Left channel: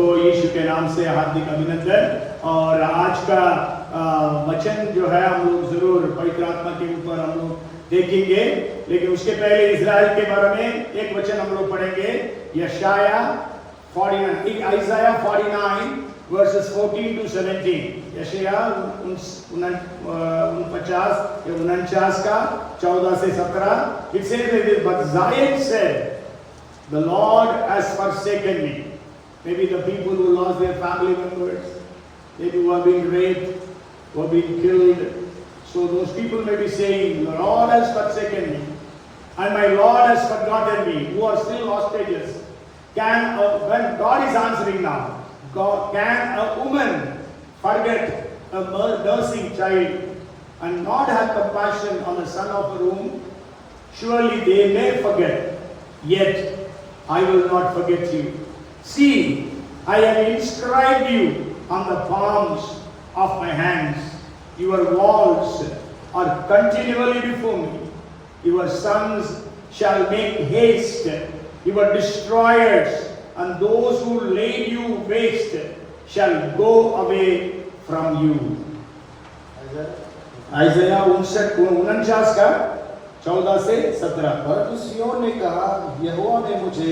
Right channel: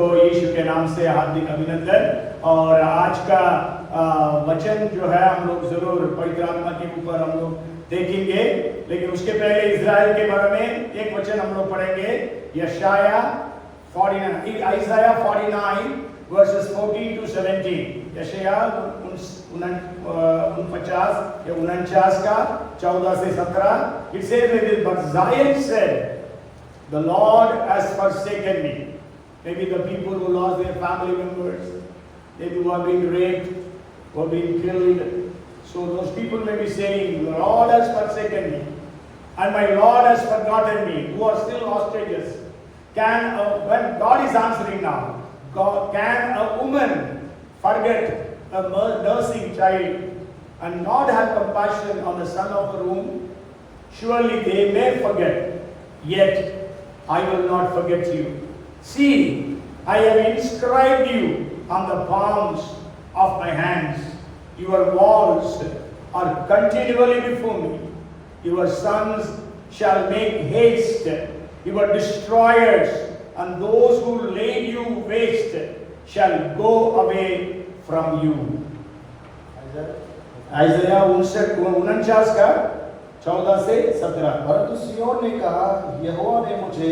सबको यीशु के नाम से हार्दिक अभिनंदन। और आज का वचन जो है हम लोग जरूर पवित्र आत्मा के ऊपर हम लोग देखेंगे, लेकिन उसके पहले इजराइल के बारे में एक वचन हम लोग पढ़ेंगे। यशाया 49 Isaiah 49 verses 14 to 17। यशाया 49 का 14 से 17। It says that but Zion said, the Lord has forsaken me. Maybe the people who lost their family members, maybe who are being raped, who are being killed. So those people may be saying, the Lord has forsaken me, and my Lord has forgotten me, who are still hostages. When God is answering now, can a woman forget a nursing child and not have compassion on the son of the womb? Surely they may forget, yet I will not forget you. See, I have inscribed you on the palms of my hands. Your walls are continually before me. Your sons shall make haste. Your destroyers and those who lay you waste shall go away from you. Isaiah 49 का 14 से 17। परंतु सिय्योन ने कहा, यहोवा ने मुझे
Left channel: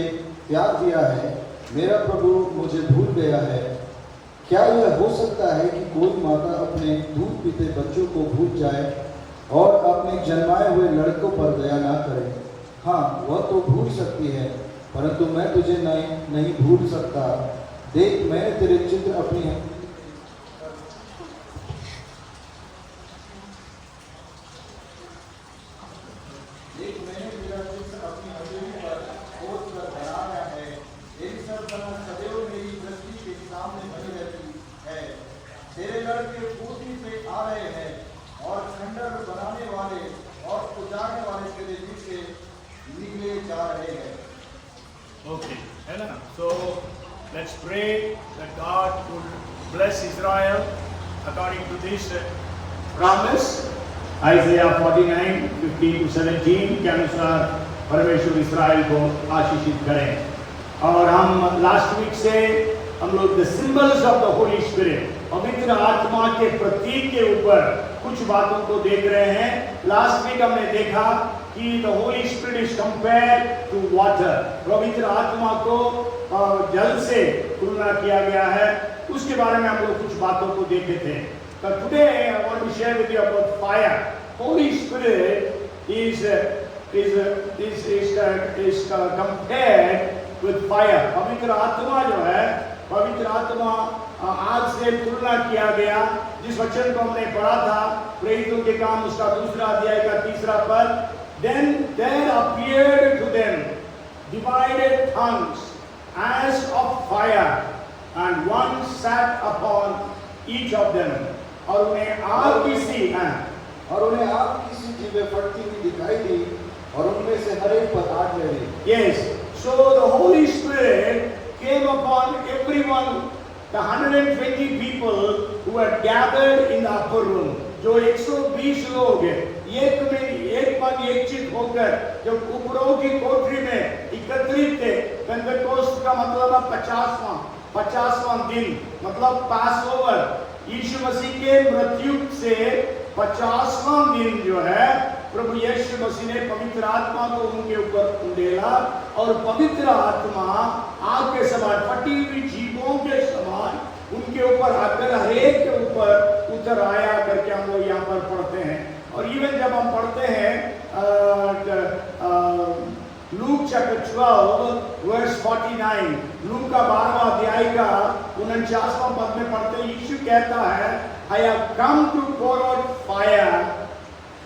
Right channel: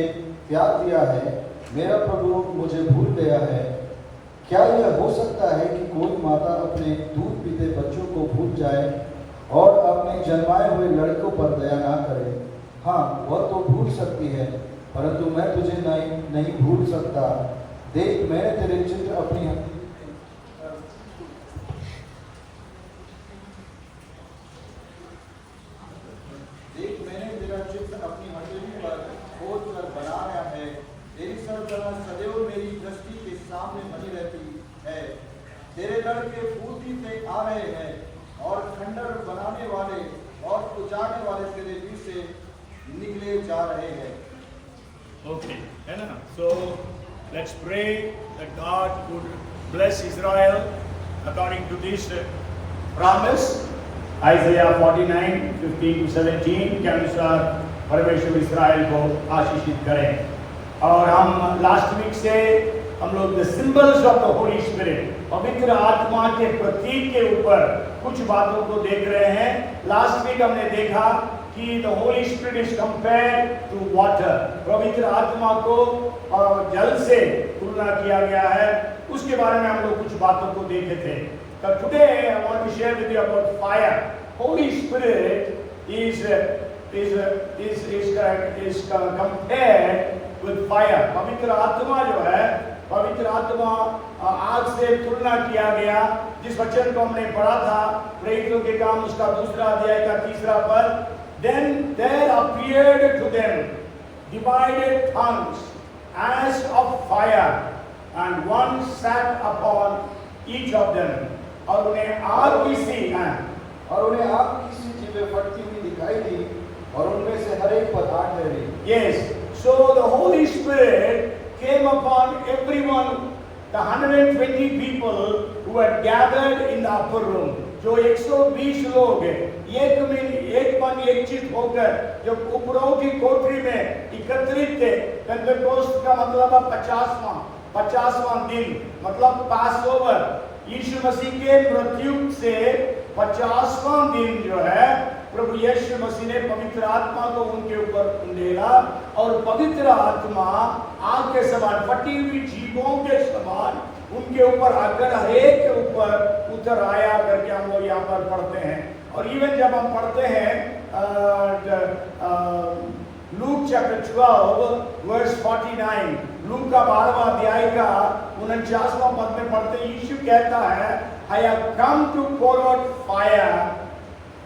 त्याग दिया है, मेरा प्रभु मुझे भूल गया है। क्या यह हो सकता है कि कोई माता अपने दूध पीते बच्चों को भूल जाए और अपने जन्माए हुए लड़कों पर दया ना करे? हाँ, वह तो भूल सकती है, परंतु मैं तुझे नहीं भूल सकता। देख, मैंने तेरे चित्र अपनी Okay, so let's pray that God would bless Israel according to this promise. Isaiah 49, 15 to 17 के अनुसार परमेश्वर इस्राएल को आशीषित करें। और हम लास्ट वीक से हम लोग the symbols of the Holy Spirit, पवित्र आत्मा के प्रतीक के ऊपर कुछ बातों को देख रहे हैं। लास्ट वीक हमने देखा कि the Holy Spirit is compared to water, पवित्र आत्मा को जल से तुलना किया गया है। उसके बारे में हम लोग कुछ बातों को देखे थे। But today I want to share with you about fire. Holy Spirit is compared with fire. पवित्र आत्मा जो है, पवित्र आत्मा आग से तुलना किया गया। जिस वचन को हमने पढ़ा था प्रेरितों के काम उसका 2 अध्याय का 3 पद। Then there appeared to them divided tongues as of fire, and one sat upon each of them. और उन्हें आग की सी जीभें फटती हुई दिखाई दी, और उनमें से हर एक पर आग लगी। Yes, so the Holy Spirit came upon everyone, the 120 people who had gathered in the upper room. जो 120 लोग एक चित होकर जो उपरों की कोठरी में एकत्रित थे। पेंटेकोस्ट का मतलब है 50वां दिन, मतलब पासओवर। यीशु मसीह के मृत्यु से 50वां दिन जो है प्रभु यीशु मसीह ने पवित्र आत्मा को उनके ऊपर उंडेला, और पवित्र आत्मा आग के समान, फटी हुई जीभों के समान उनके ऊपर आकर हरेक के ऊपर उतर आया करके हम लोग यहाँ पर पढ़ते हैं। और इवन जब हम पढ़ते हैं लूक चैप्टर 12 वर्स 49, लूक का 12वां अध्याय का 49वां पद में पढ़ते हैं, यीशु कहता है, I have come to pour out fire.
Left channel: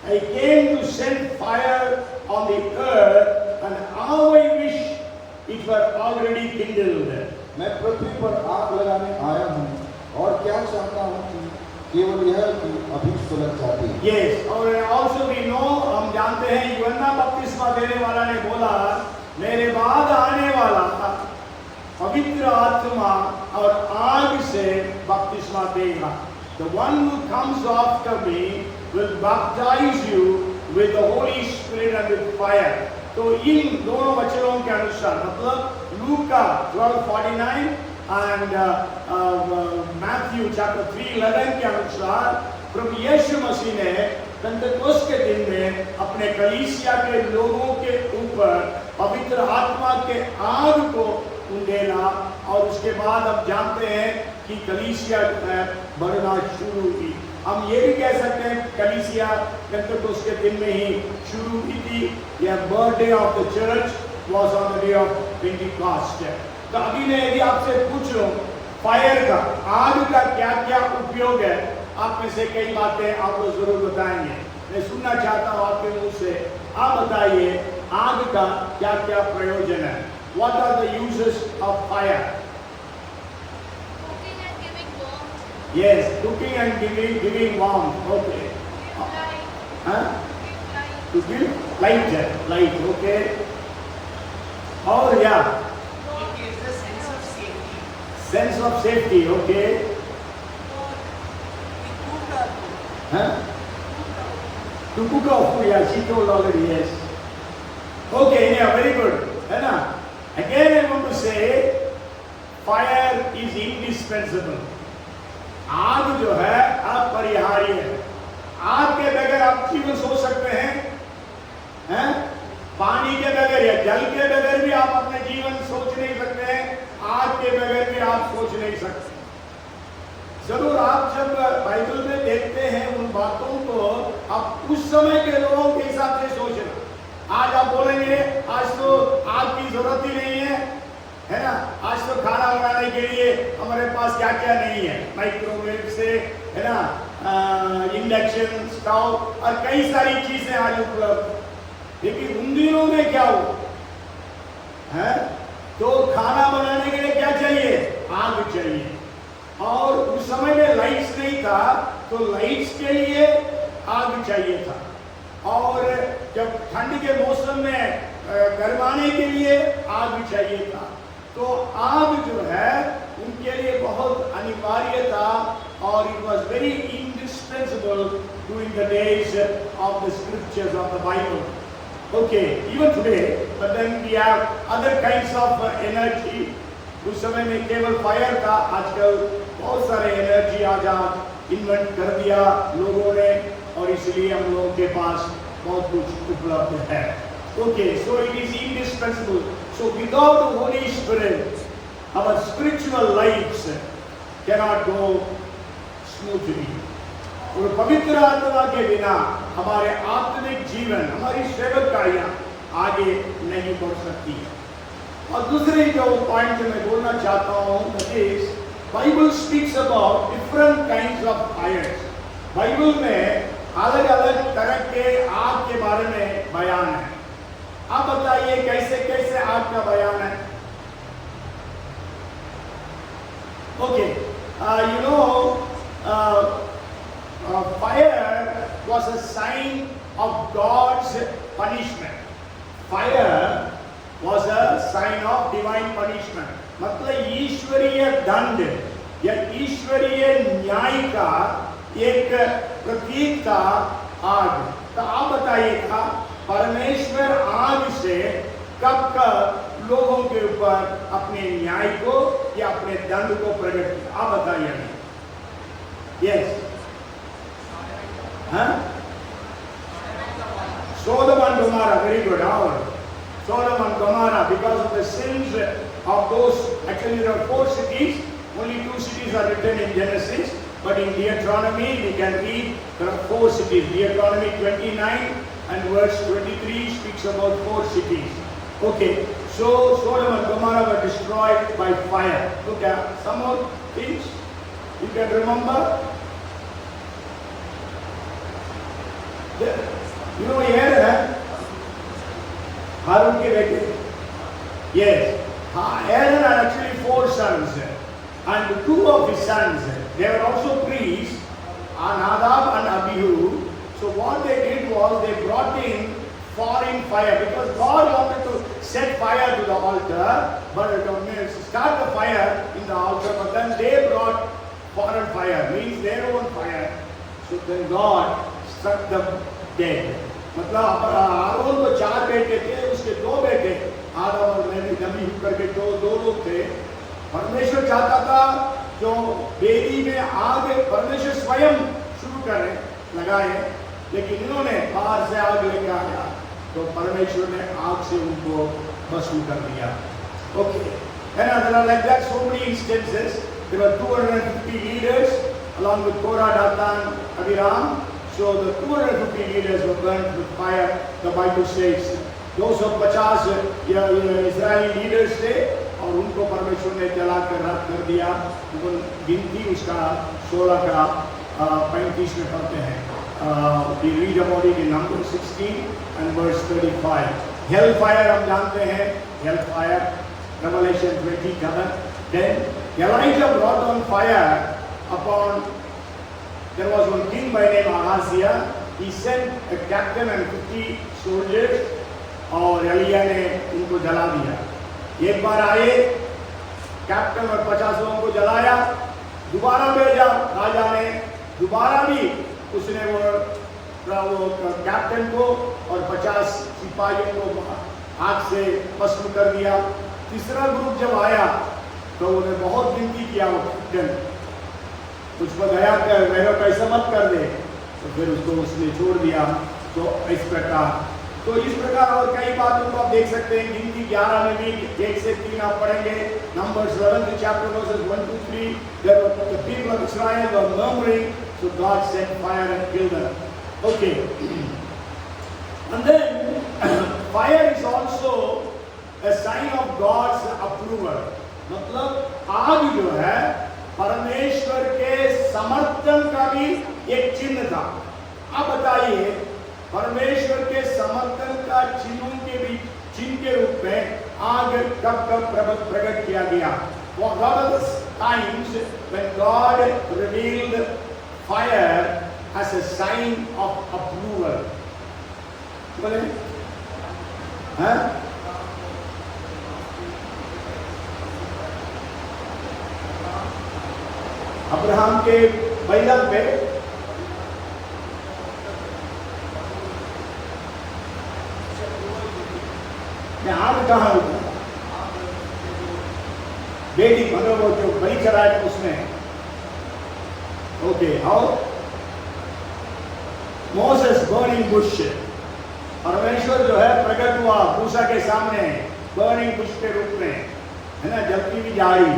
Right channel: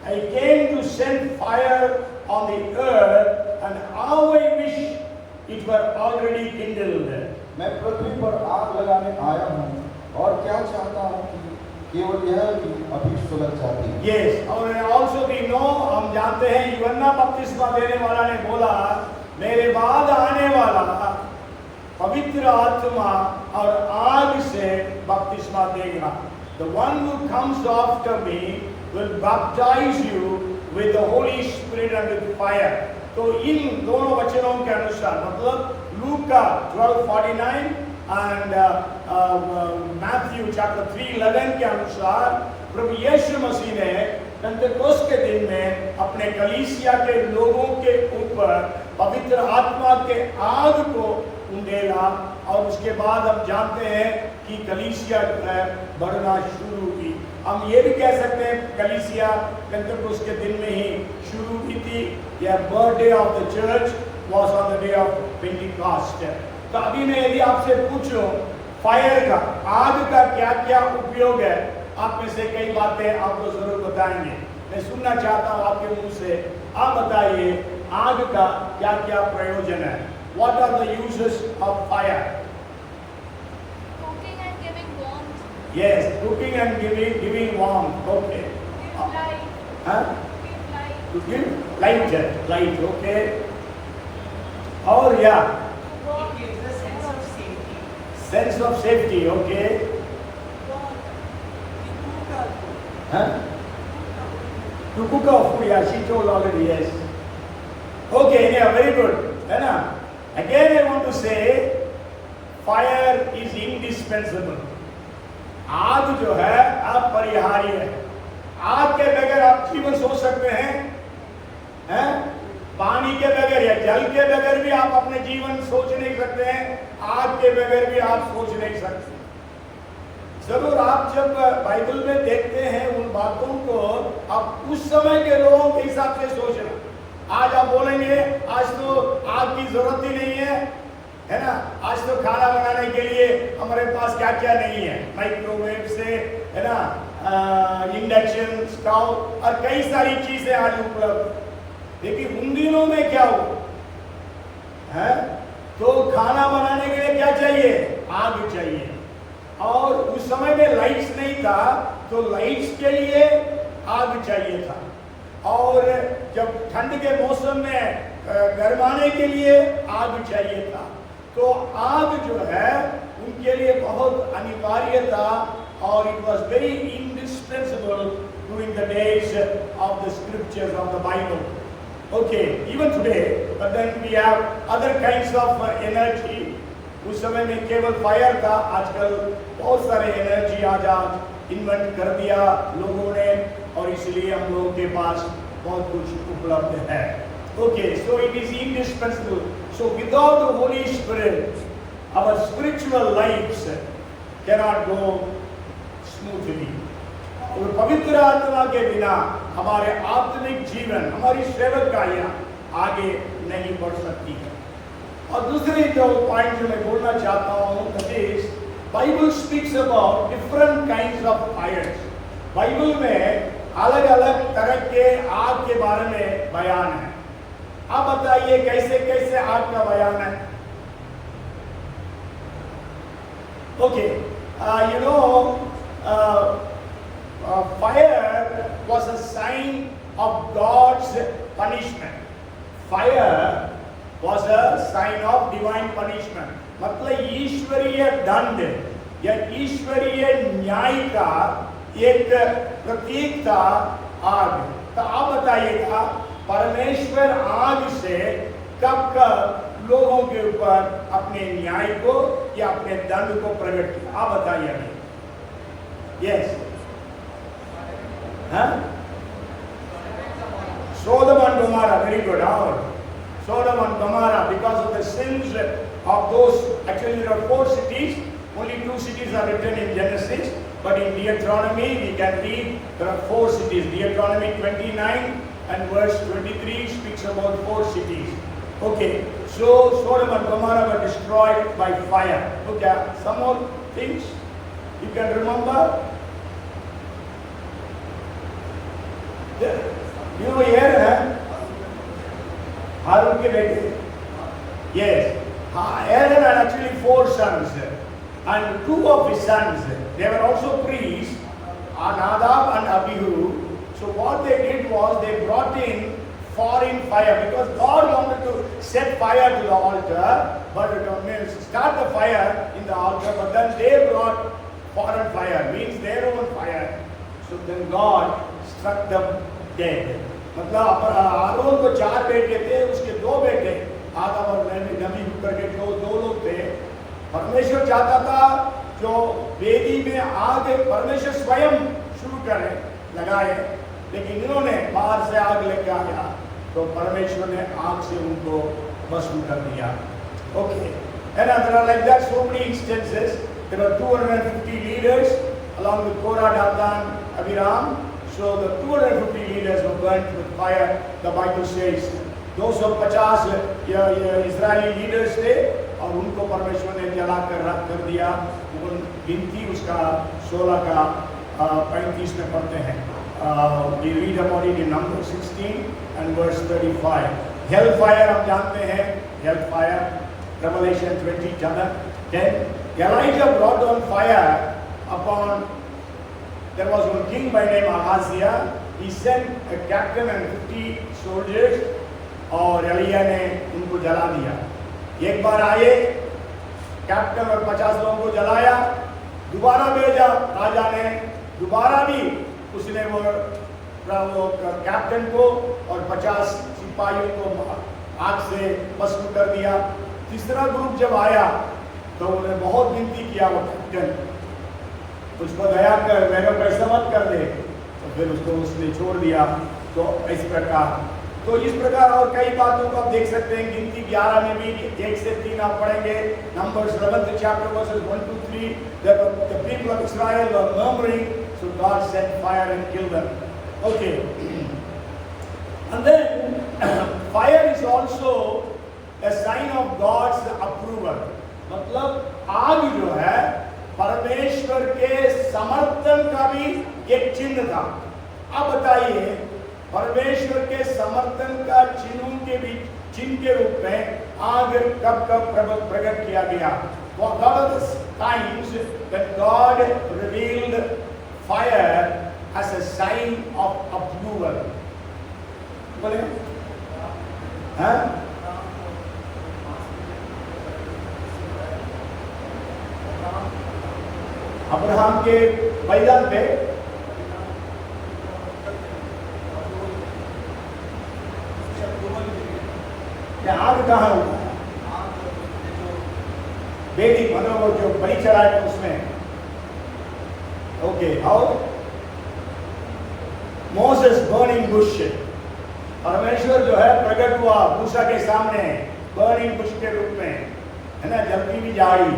I came to send fire on the earth, and how I wish it were already kindled. मैं पृथ्वी पर आग लगाने आया हूँ, और क्या चाहता हूँ कि केवल यह अभी सुलग जाती है। Yes, और also we know, हम जानते हैं यूहन्ना बपतिस्मा देने वाला ने बोला, मेरे बाद आने वाला पवित्र आत्मा और आग से बपतिस्मा देगा। The one who comes after me will baptize you with the Holy Spirit and with fire. तो इन दोनों वचनों के अनुसार, मतलब लूका 12:49 And Matthew chapter 3:11 के अनुसार प्रभु यीशु मसीह ने पेंटेकोस्त के दिन में अपने कलीसिया के लोगों के ऊपर पवित्र आत्मा के आग को उंडेला, और उसके बाद हम जानते हैं कि कलीसिया बढ़ना शुरू की। हम ये भी कह सकते हैं कलीसिया पेंटेकोस्त के दिन में ही शुरू की थी। या birthday of the church was on the day of Pentecost. तो अभी मैं यदि आपसे पूछूं फायर का, आग का क्या क्या उपयोग है, आप में से कई बातें आपको जरूर बताएंगे। मैं सुनना चाहता हूं आपके मुंह से, आप बताइए आग का क्या क्या प्रयोजन है। What are the uses of fire? Cooking and giving warmth. Yes, cooking and giving warmth. Okay. Light. Huh? Light. To give light. Okay. और या It gives a sense of safety. sense of safety. Okay. We cook our food. Huh? To cook our food. Yeah, she told already. Yes. Okay. Yeah, very good. है ना? Again, I want to say, fire is indispensable. आग जो है अपरिहार्य है। आग के बगैर आप जीवन सोच सकते हैं? पानी के बगैर या जल के बगैर भी आप अपने जीवन सोच नहीं सकते हैं। आग के बगैर भी आप सोच नहीं सकते। जरूर आप जब बाइबल में देखते हैं उन बातों को, आप उस समय के लोगों के हिसाब से सोचना। आज आप बोलेंगे आज तो आग की जरूरत ही नहीं है ना? आज तो खाना बनाने के लिए हमारे पास क्या क्या नहीं है, माइक्रोवेव से, है ना, इंडक्शन स्टोव और कई सारी चीजें आज उपलब्ध। लेकिन उन दिनों में क्या हो है, तो खाना बनाने के लिए क्या चाहिए? आग चाहिए। और उस समय में लाइट्स नहीं था, तो लाइट्स के लिए आग चाहिए था। और जब ठंड के मौसम में गरमाने के लिए आग चाहिए था। तो आग जो है उनके लिए बहुत अनिवार्य था, और it was very indispensable during the days of the scriptures of the Bible. Okay, even today, but then we have other kinds of energy. उस समय में केवल फायर था, आजकल बहुत सारे एनर्जी आज इन्वेंट कर दिया लोगों ने, और इसलिए हम लोगों के पास बहुत कुछ उपलब्ध है। Okay, so it is indispensable. So without the holy spirit our spiritual lifes can not go smoothly. और पवित्र आत्मा के बिना हमारे आत्मिक जीवन, हमारी सेवकाइयां आगे नहीं बढ़ सकती। और दूसरी जो पॉइंट जो मैं बोलना चाहता हूँ, that is Bible speaks about different kinds of fires. Bible में अलग अलग तरह के आग के बारे में बयान है। आप बताइए कैसे कैसे आग का बयान है? Okay, you know, fire was a sign of God's punishment. Fire was a sign of divine punishment. मतलब ईश्वरीय दंड या ईश्वरीय न्याय का एक प्रतीक था आग। तो आप बताइएगा परमेश्वर आग से कब कब लोगों के ऊपर अपने न्याय को या अपने दंड को प्रकट किया? आप बताइए। यस, हाँ, Sodom and Gomorrah, very good. Sodom and Gomorrah, because of the sins of those, actually there are 4 cities, only 2 cities are written in Genesis, but in Deuteronomy we can read there are 4 cities. Deuteronomy 29 and verse 23 speaks about 4 cities. Okay, so Sodom and Gomorrah were destroyed by fire. Okay, some more things you can remember? You know here, Harun ke bete. Yes, Aaron had actually 4 sons, and 2 of his sons, they were also priests, Nadab and Abihu. So what they did was they brought in foreign fire, because God wanted to set fire to the altar, but start the fire in the altar, but then they brought foreign fire, means their own fire. So then God struck them dead. मतलब आरोन को 4 बेटे थे, उसके 2 बेटे आदम और नबी करके 2 लोग थे, परमेश्वर चाहता था जो वेदी में आग परमेश्वर स्वयं शुरू करे लगाए, लेकिन इन्होंने बाहर से आग लेके आ गया तो परमेश्वर ने आग से उनको भस्म कर दिया. Okay, and there are like that so many instances. There were 250 leaders along with Korah, Dathan, Abiram. So the 250 leaders were burnt with fire. The Bible says 250 Israeli leaders थे और उनको परमेश्वर ने जलाकर रख कर दिया. गिनती उसका 16 का 35 में पढ़ते हैं. We read about it in Numbers 16 and verse 35. Hellfire हम जानते हैं, hellfire. Revelation 20:10. Then Elijah brought on fire upon. There was one king by name Ahaziah. He sent a captain and 50 soldiers. और एलिया ने उनको जला दिया. एक बार आए कैप्टन और 50 लोगों को जलाया, दोबारा भेजा राजा ने, दोबारा भी उसने वो कैप्टन को और 50 सिपाहियों को आग से भस्म कर दिया. तीसरा ग्रुप जब आया तो उन्होंने बहुत विनती किया वो कैप्टन, उसको दया कर, मेरे को ऐसा मत कर दे, तो फिर उसको उसने छोड़ दिया. तो इस प्रकार और कई बातों को आप देख सकते हैं. गिनती 11 में भी 1 से 3 आप पढ़ेंगे. Numbers 11th chapter verses 1 to 3. The people of Israel were murmuring, so God sent fire and killed them. Okay. And then fire is also a sign of God's approval. मतलब आग जो है परमेश्वर के समर्थन का भी एक चिन्ह था. अब बताइए परमेश्वर के समर्थन का चिन्ह के रूप में आग कब प्रकट किया गया? What are the times when God revealed fire as a sign of approval? बोले हाँ? अब्राहम के बैल पे आग कहाँ होता? बेटी मतलब वो जो बलि चढ़ाया उसमें. ओके, और मोसेस बर्निंग बुश, परमेश्वर जो है प्रकट हुआ मूसा के सामने बर्निंग बुश के रूप में, है ना, जलती हुई झाड़ी,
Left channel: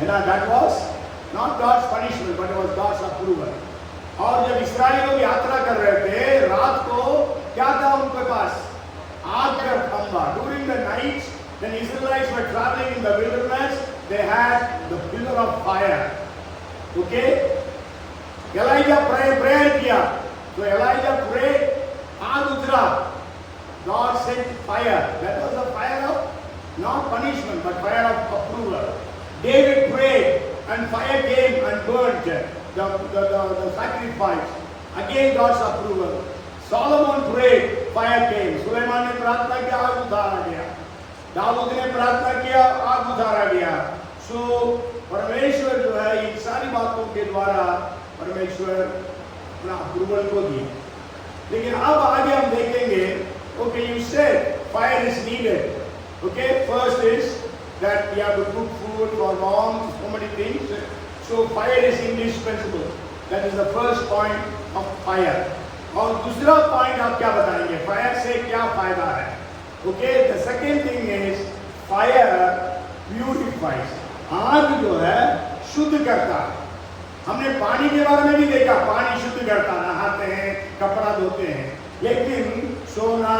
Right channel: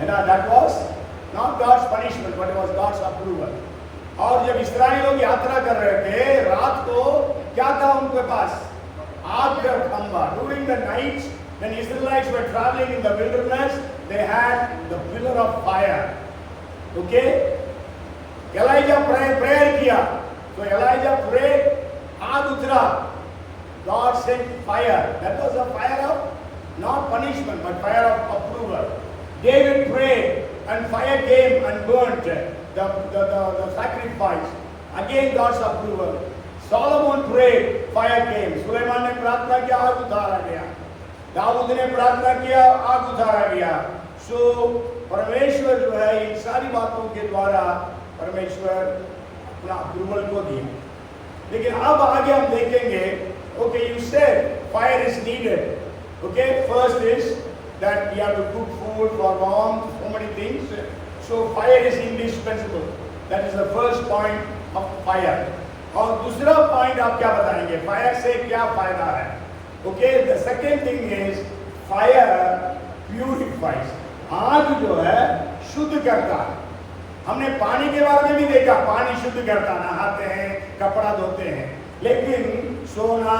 है ना. That was not God's punishment but was God's approval. और जब इस्राएल लोग यात्रा कर रहे थे रात को क्या था उनके पास? आग का खंभा. During the night when Israelites were traveling in the wilderness, they had the pillar of fire. Okay? Elijah prayer किया, तो Elijah prayed, आग उतरा. God sent fire. That was a fire of not punishment but fire of approval. David prayed and fire came and burnt the sacrifice. Again God's approval. Solomon prayed, fire came. Suleman ने प्रार्थना किया, आग उतारा गया. दाऊद ने प्रार्थना किया, आग उतारा गया. सो परमेश्वर जो है इन सारी बातों के द्वारा परमेश्वर अपना अप्रूवल को दिए. लेकिन अब आगे हम देखेंगे. Okay, you said fire is needed. Okay, first is that we have to cook food for long, so many things. So fire is indispensable. That is the first point of fire. और दूसरा point आप क्या बताएंगे? Fire से क्या फायदा है? Okay, the second thing is fire purifies. आग जो है शुद्ध करता है. हमने पानी के बारे में भी देखा, पानी शुद्ध करता, नहाते हैं, कपड़ा धोते हैं. लेकिन सोना,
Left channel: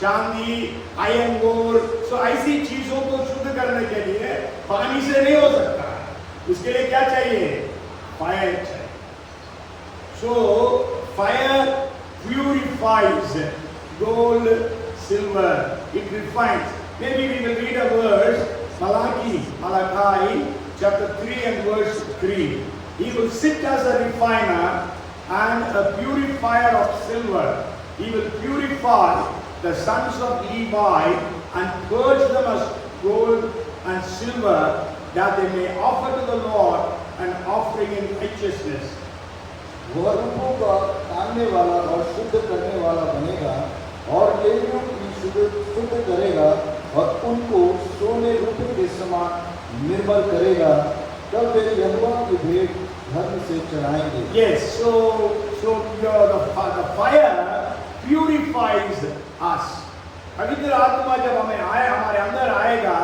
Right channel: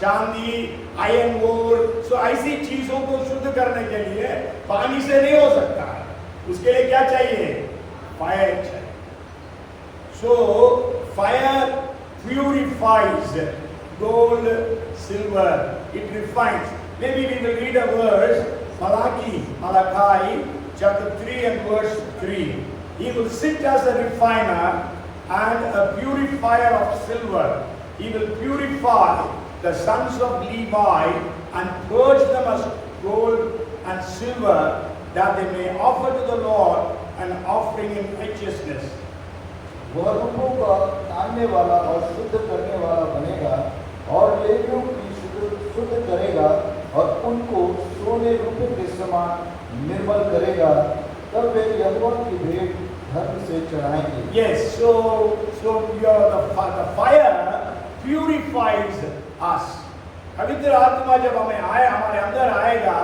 चांदी, आयरन ओर, सो ऐसी चीजों को शुद्ध करने के लिए पानी से नहीं हो सकता. उसके लिए क्या चाहिए? फायर चाहिए. सो fire purifies gold, silver, it refines. Maybe we will read a verse, Malachi chapter 3 and verse 3. He will sit as a refiner and a purifier of silver. He will purify the sons of Levi and purge them as gold and silver, that they may offer to the Lord an offering in righteousness. वह रूपों का तानने वाला और शुद्ध करने वाला बनेगा और लेवियों की शुद्ध करेगा और उनको सोने रूपों के समान निर्मल करेगा, तब मेरी यहोवा की भेंट धर्म से चढ़ाएंगे। Yes, so the fire purifies us. पवित्र आत्मा जब हमें हमारे अंदर आएगा,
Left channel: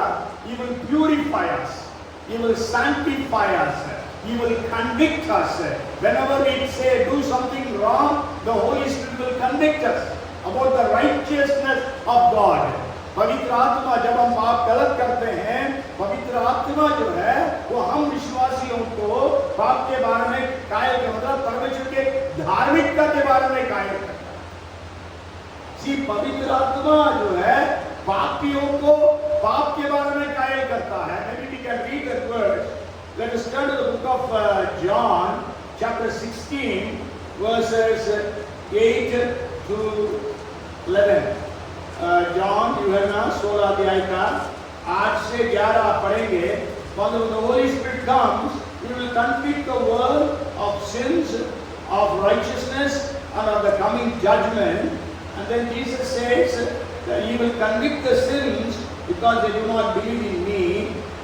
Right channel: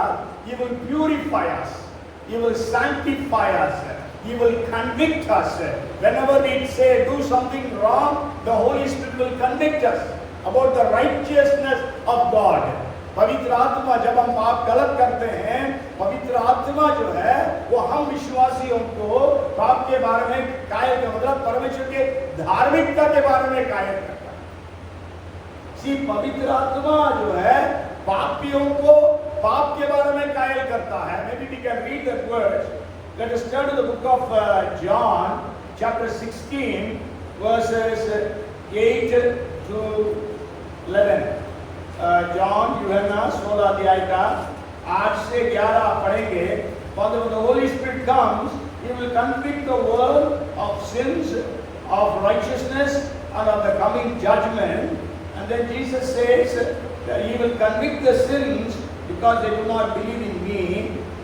He will purify us, He will sanctify us, He will convict us. Whenever we say do something wrong, the Holy Spirit will convict us about the righteousness of God. पवित्र आत्मा जब हम पाप गलत करते हैं, पवित्र आत्मा जो है वो हम विश्वासियों को पाप के बारे में कायल के मतलब परमेश्वर के धार्मिकता के बारे में कायल करता है। पवित्र आत्मा जो है पापियों को पाप के बारे में कायल करता है। Maybe we can read that verse. Let us turn to the book of John, chapter 16, verses 8 to 11. John जो है ना 16 अध्याय का 8 से 11 आप पढ़ेंगे। When the Holy Spirit comes, He will convict the world of sins, of righteousness, and of the coming judgment. And then Jesus says that He will convict the sins because they do not believe in Me.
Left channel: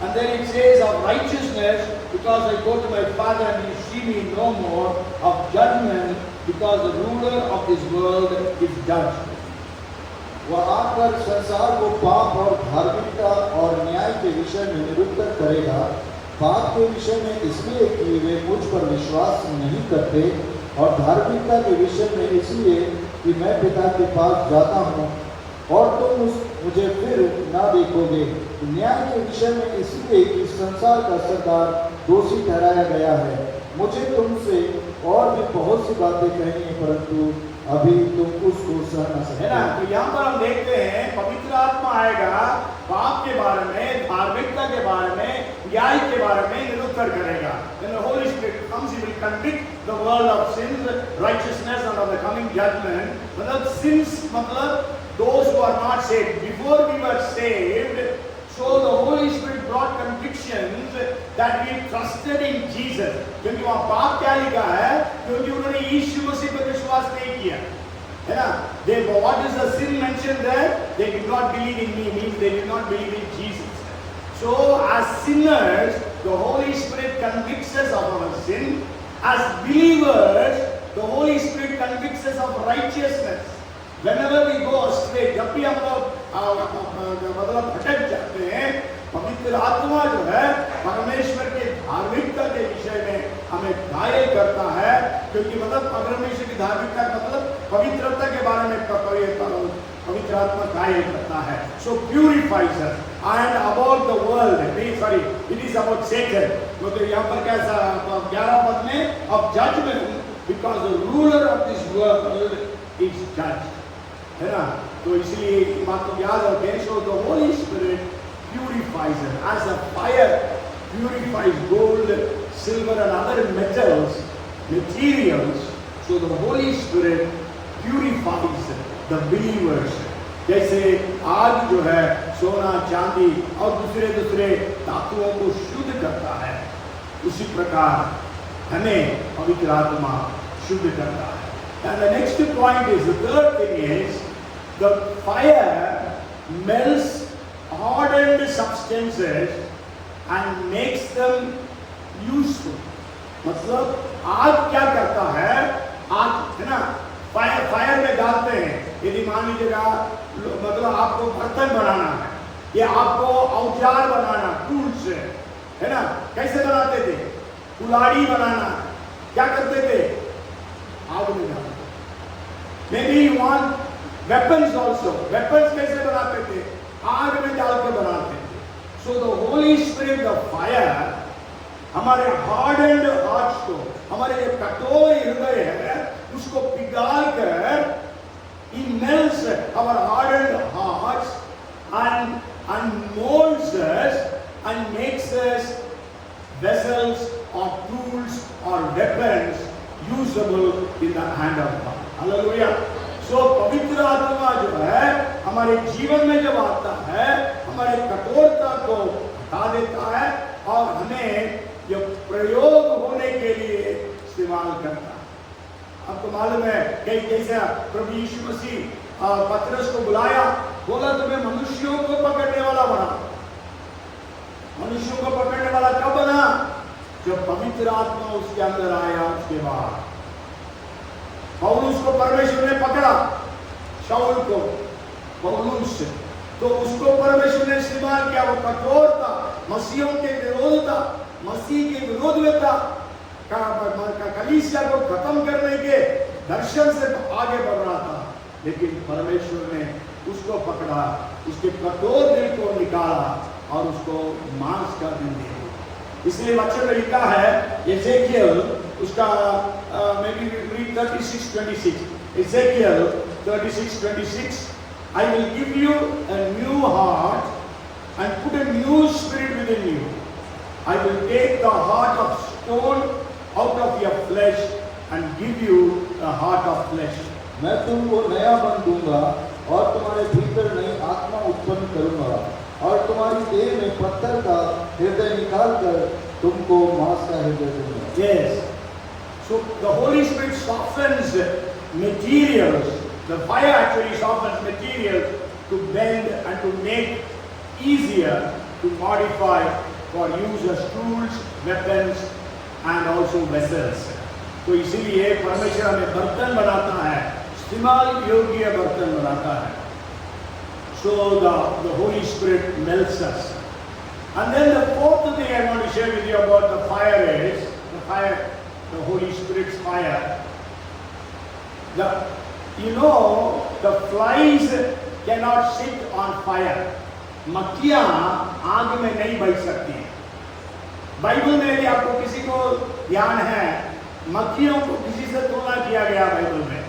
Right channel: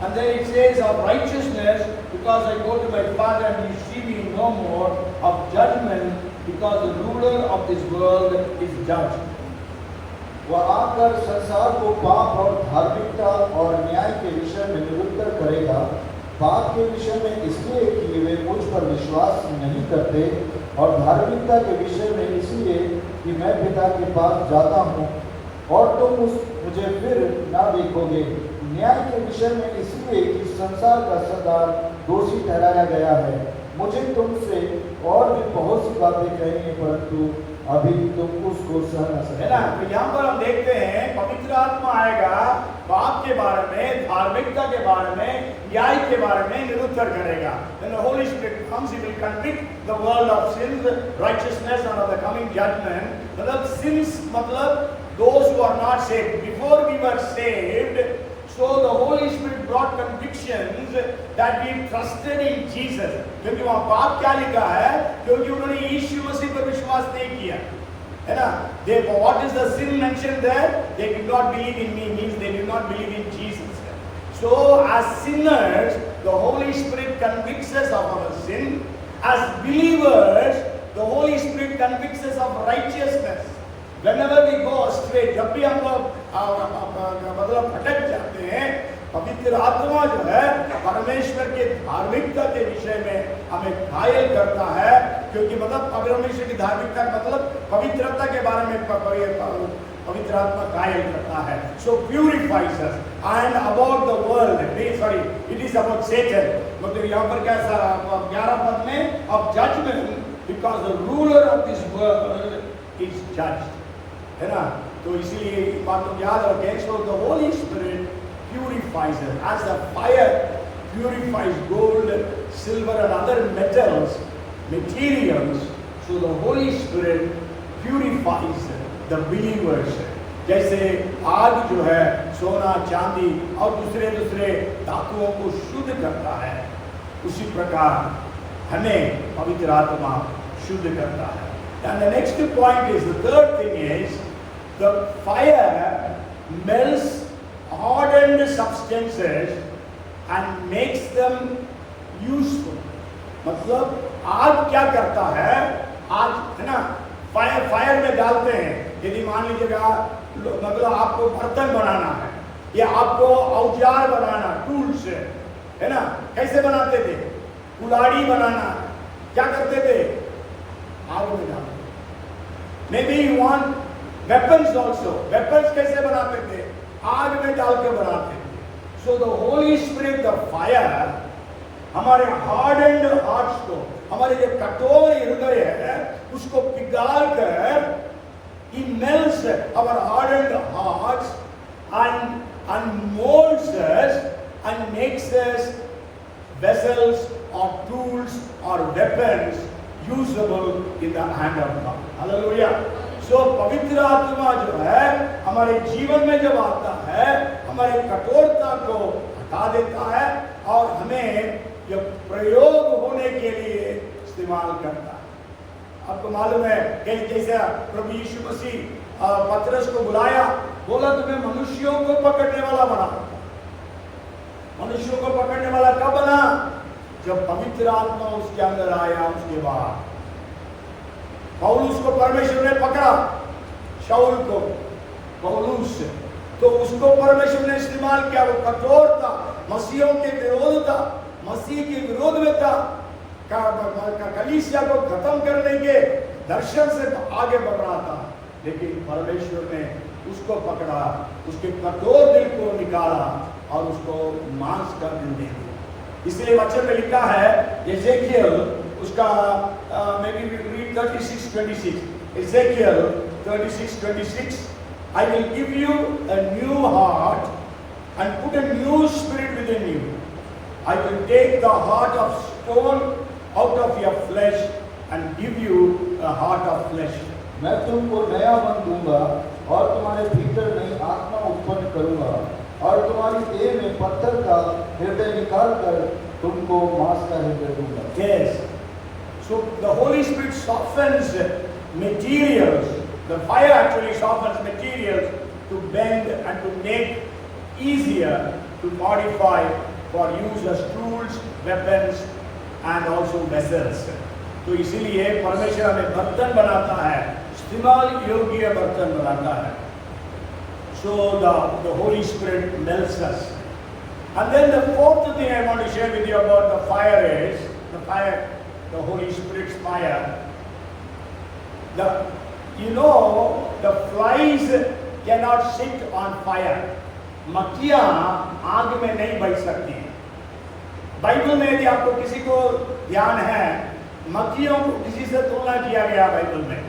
And then it says of righteousness because I go to my Father and you see me no more. Of judgment because the ruler of this world is judged. वह आकर संसार को पाप और धार्मिकता और न्याय के विषय में निरुक्त करेगा। पाप के विषय में इसलिए कि वे मुझ पर विश्वास नहीं करते, और धार्मिकता के विषय में इसलिए कि मैं पिता के पास जाता हूँ और तुम मुझे फिर ना देखोगे। न्याय के विषय में इसलिए कि संसार का सरदार दोषी ठहराया गया है। मुझे तुमसे और भी बहुत सी बातें कहनी है, परंतु अभी तुम उसको सह न सकते। है ना? तो यहाँ पर हम देखते हैं पवित्र आत्मा आएगा, पाप के बारे में, धार्मिकता के बारे में, न्याय के बारे में निरुत्तर करेगा। When the Holy Spirit comes, He will convict the world of sins, righteousness, and of the coming judgment. मतलब sins मतलब those who are not saved. Before we were saved, so the Holy Spirit brought convictions that we trusted in Jesus. क्योंकि वहाँ पाप क्या लिखा है? क्योंकि उन्होंने यीशु मसीह पर विश्वास नहीं किया, है ना? What is the sin mentioned there? They did not believe in Me, means they did not believe in Jesus. So as sinners, the Holy Spirit convicts us of our sin. As believers, the Holy Spirit convicts us of righteousness. Whenever we go astray, जब भी हम लोग मतलब भटक जाते हैं, पवित्र आत्मा जो है परमेश्वर के धार्मिकता के विषय में हमें घायल करता है। क्योंकि मतलब परमेश्वर की धार्मिकता का मतलब पवित्रता के बारे में पवित्र आत्मा घायल करता है। So purifies us. And about the world, sorry, it is about Satan. मतलब यहाँ पर क्या 11 पद में of judgment because the ruler of this world is judged, है ना? तो इसीलिए बात को याद रखें। So the Holy Spirit purifies them as a fire purifies gold, silver, and other metals, materials. So the Holy Spirit purifies the believers. जैसे आज जो है सोना, चांदी और दूसरे धातुओं को शुद्ध करता है, उसी प्रकार हमें पवित्र आत्मा शुद्ध करता है। And the next point is, the third thing is, the fire melts hardened substances and makes them useful. मतलब आग क्या करता है? आग है ना, फायर में डालते हैं। यदि मान लीजिएगा मतलब आपको बर्तन बनाना है या आपको औजार बनाना, टूल्स है ना, कैसे बनाते थे? कुल्हाड़ी बनाना, क्या करते थे? आग में डालते। Maybe you want weapons also. Weapons कैसे बनाते थे? आग में डाल के बनाते थे। So the Holy Spirit, the fire, हमारे hardened hearts को, हमारे जो कठोर हृदय है, उसको पिघाल कर He melts our hardened hearts and molds us and makes us vessels or tools or weapons usable in the hand of God. Hallelujah. So पवित्र आत्मा जो है हमारे जीवन में जब आता है, हमारे कठोरता को हटा देता है और हमें यह प्रयोग होने के लिए इस्तेमाल करता है। आपको मालूम है कि जैसे प्रभु यीशु मसीह पतरस को बुलाया, बोला तुम्हें मनुष्यों को पकड़ने वाला बना। मनुष्यों को पकड़ने वाला कब बना? जब पवित्र आत्मा उसके अंदर आया। उसके बाद पौलुस को परमेश्वर ने पकड़ा, शाऊल को, पौलुस, तो उसको परमेश्वर ने इस्तेमाल किया। वो कठोर था, मसीहों के विरोध था, मसीह के विरोध में था, कलीसिया को खत्म करने के दर्शन से आगे बढ़ रहा था। लेकिन परमेश्वर ने उसको पकड़ा, उसके कठोर दिल को निकाला और उसको मांस का दिल दे दिया। इसलिए वचन में लिखा है, एजेकियल उसका maybe 36:26, Ezekiel 36:26, I will give you a new heart and put a new spirit within you. I will take the heart of stone out of your flesh and give you a heart of flesh. मैं तुमको नया मन दूंगा और तुम्हारे भीतर नई आत्मा उत्पन्न करूंगा और तुम्हारी देह में पत्थर का हृदय निकाल कर तुमको मांस का हृदय दूंगा। Yes. So the Holy Spirit softens materials. The fire actually softens materials to bend and to make easier to modify for use as tools, weapons and also vessels. तो इसीलिए परमेश्वर हमें बर्तन बनाता है, इस्तेमाल योग्य बर्तन बनाता है। So the Holy Spirit melts us. And then the fourth thing I want to share with you about the fire is the fire, the Holy Spirit's fire. The flies cannot sit on fire. मक्खियां आग में नहीं बैठ सकती। Bible में यदि आपको किसी को ध्यान है, मक्खियों को किसी से तुलना किया गया बाइबल में,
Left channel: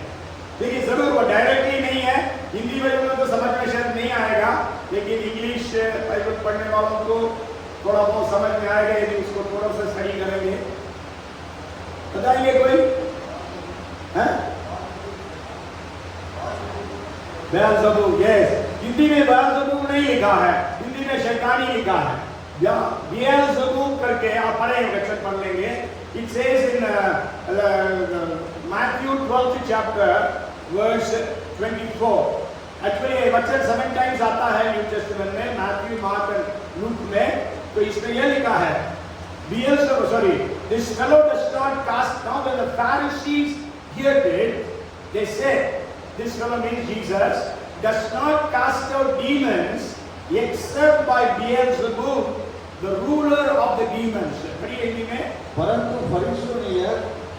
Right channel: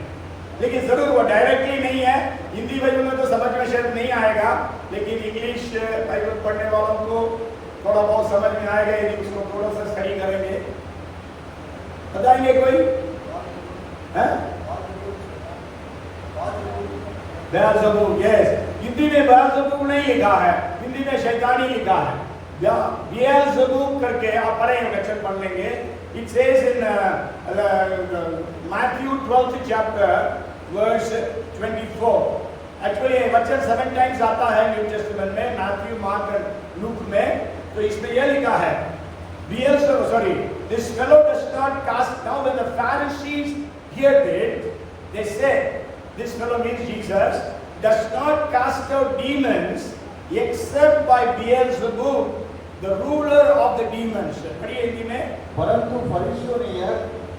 लेकिन जरूर वो डायरेक्टली नहीं है। हिंदी बाइबल में तो समझ में शायद नहीं आएगा, लेकिन इंग्लिश बाइबल पढ़ने वालों को थोड़ा बहुत समझ में आएगा यदि उसको थोड़ा सा स्टडी करेंगे। बताएंगे कोई? बेल्ज़ेबूल, यस। हिंदी में बेल्ज़ेबूल नहीं लिखा है, हिंदी में शैतानी लिखा है। बेल्ज़ेबूल करके आप पढ़ेंगे, वचन पढ़ लेंगे। It says in Matthew 12th chapter verse 24. Actually ये वचन 7 times आता है न्यू टेस्टामेंट में, मैथ्यू, मार्क और लूक में। तो इसमें यह लिखा है, this fellow does not cast. Now when the Pharisees heard it, they said, this fellow means Jesus, does not cast out demons except by Beelzebub, the ruler of the demons. परंतु फरीसियों ने यह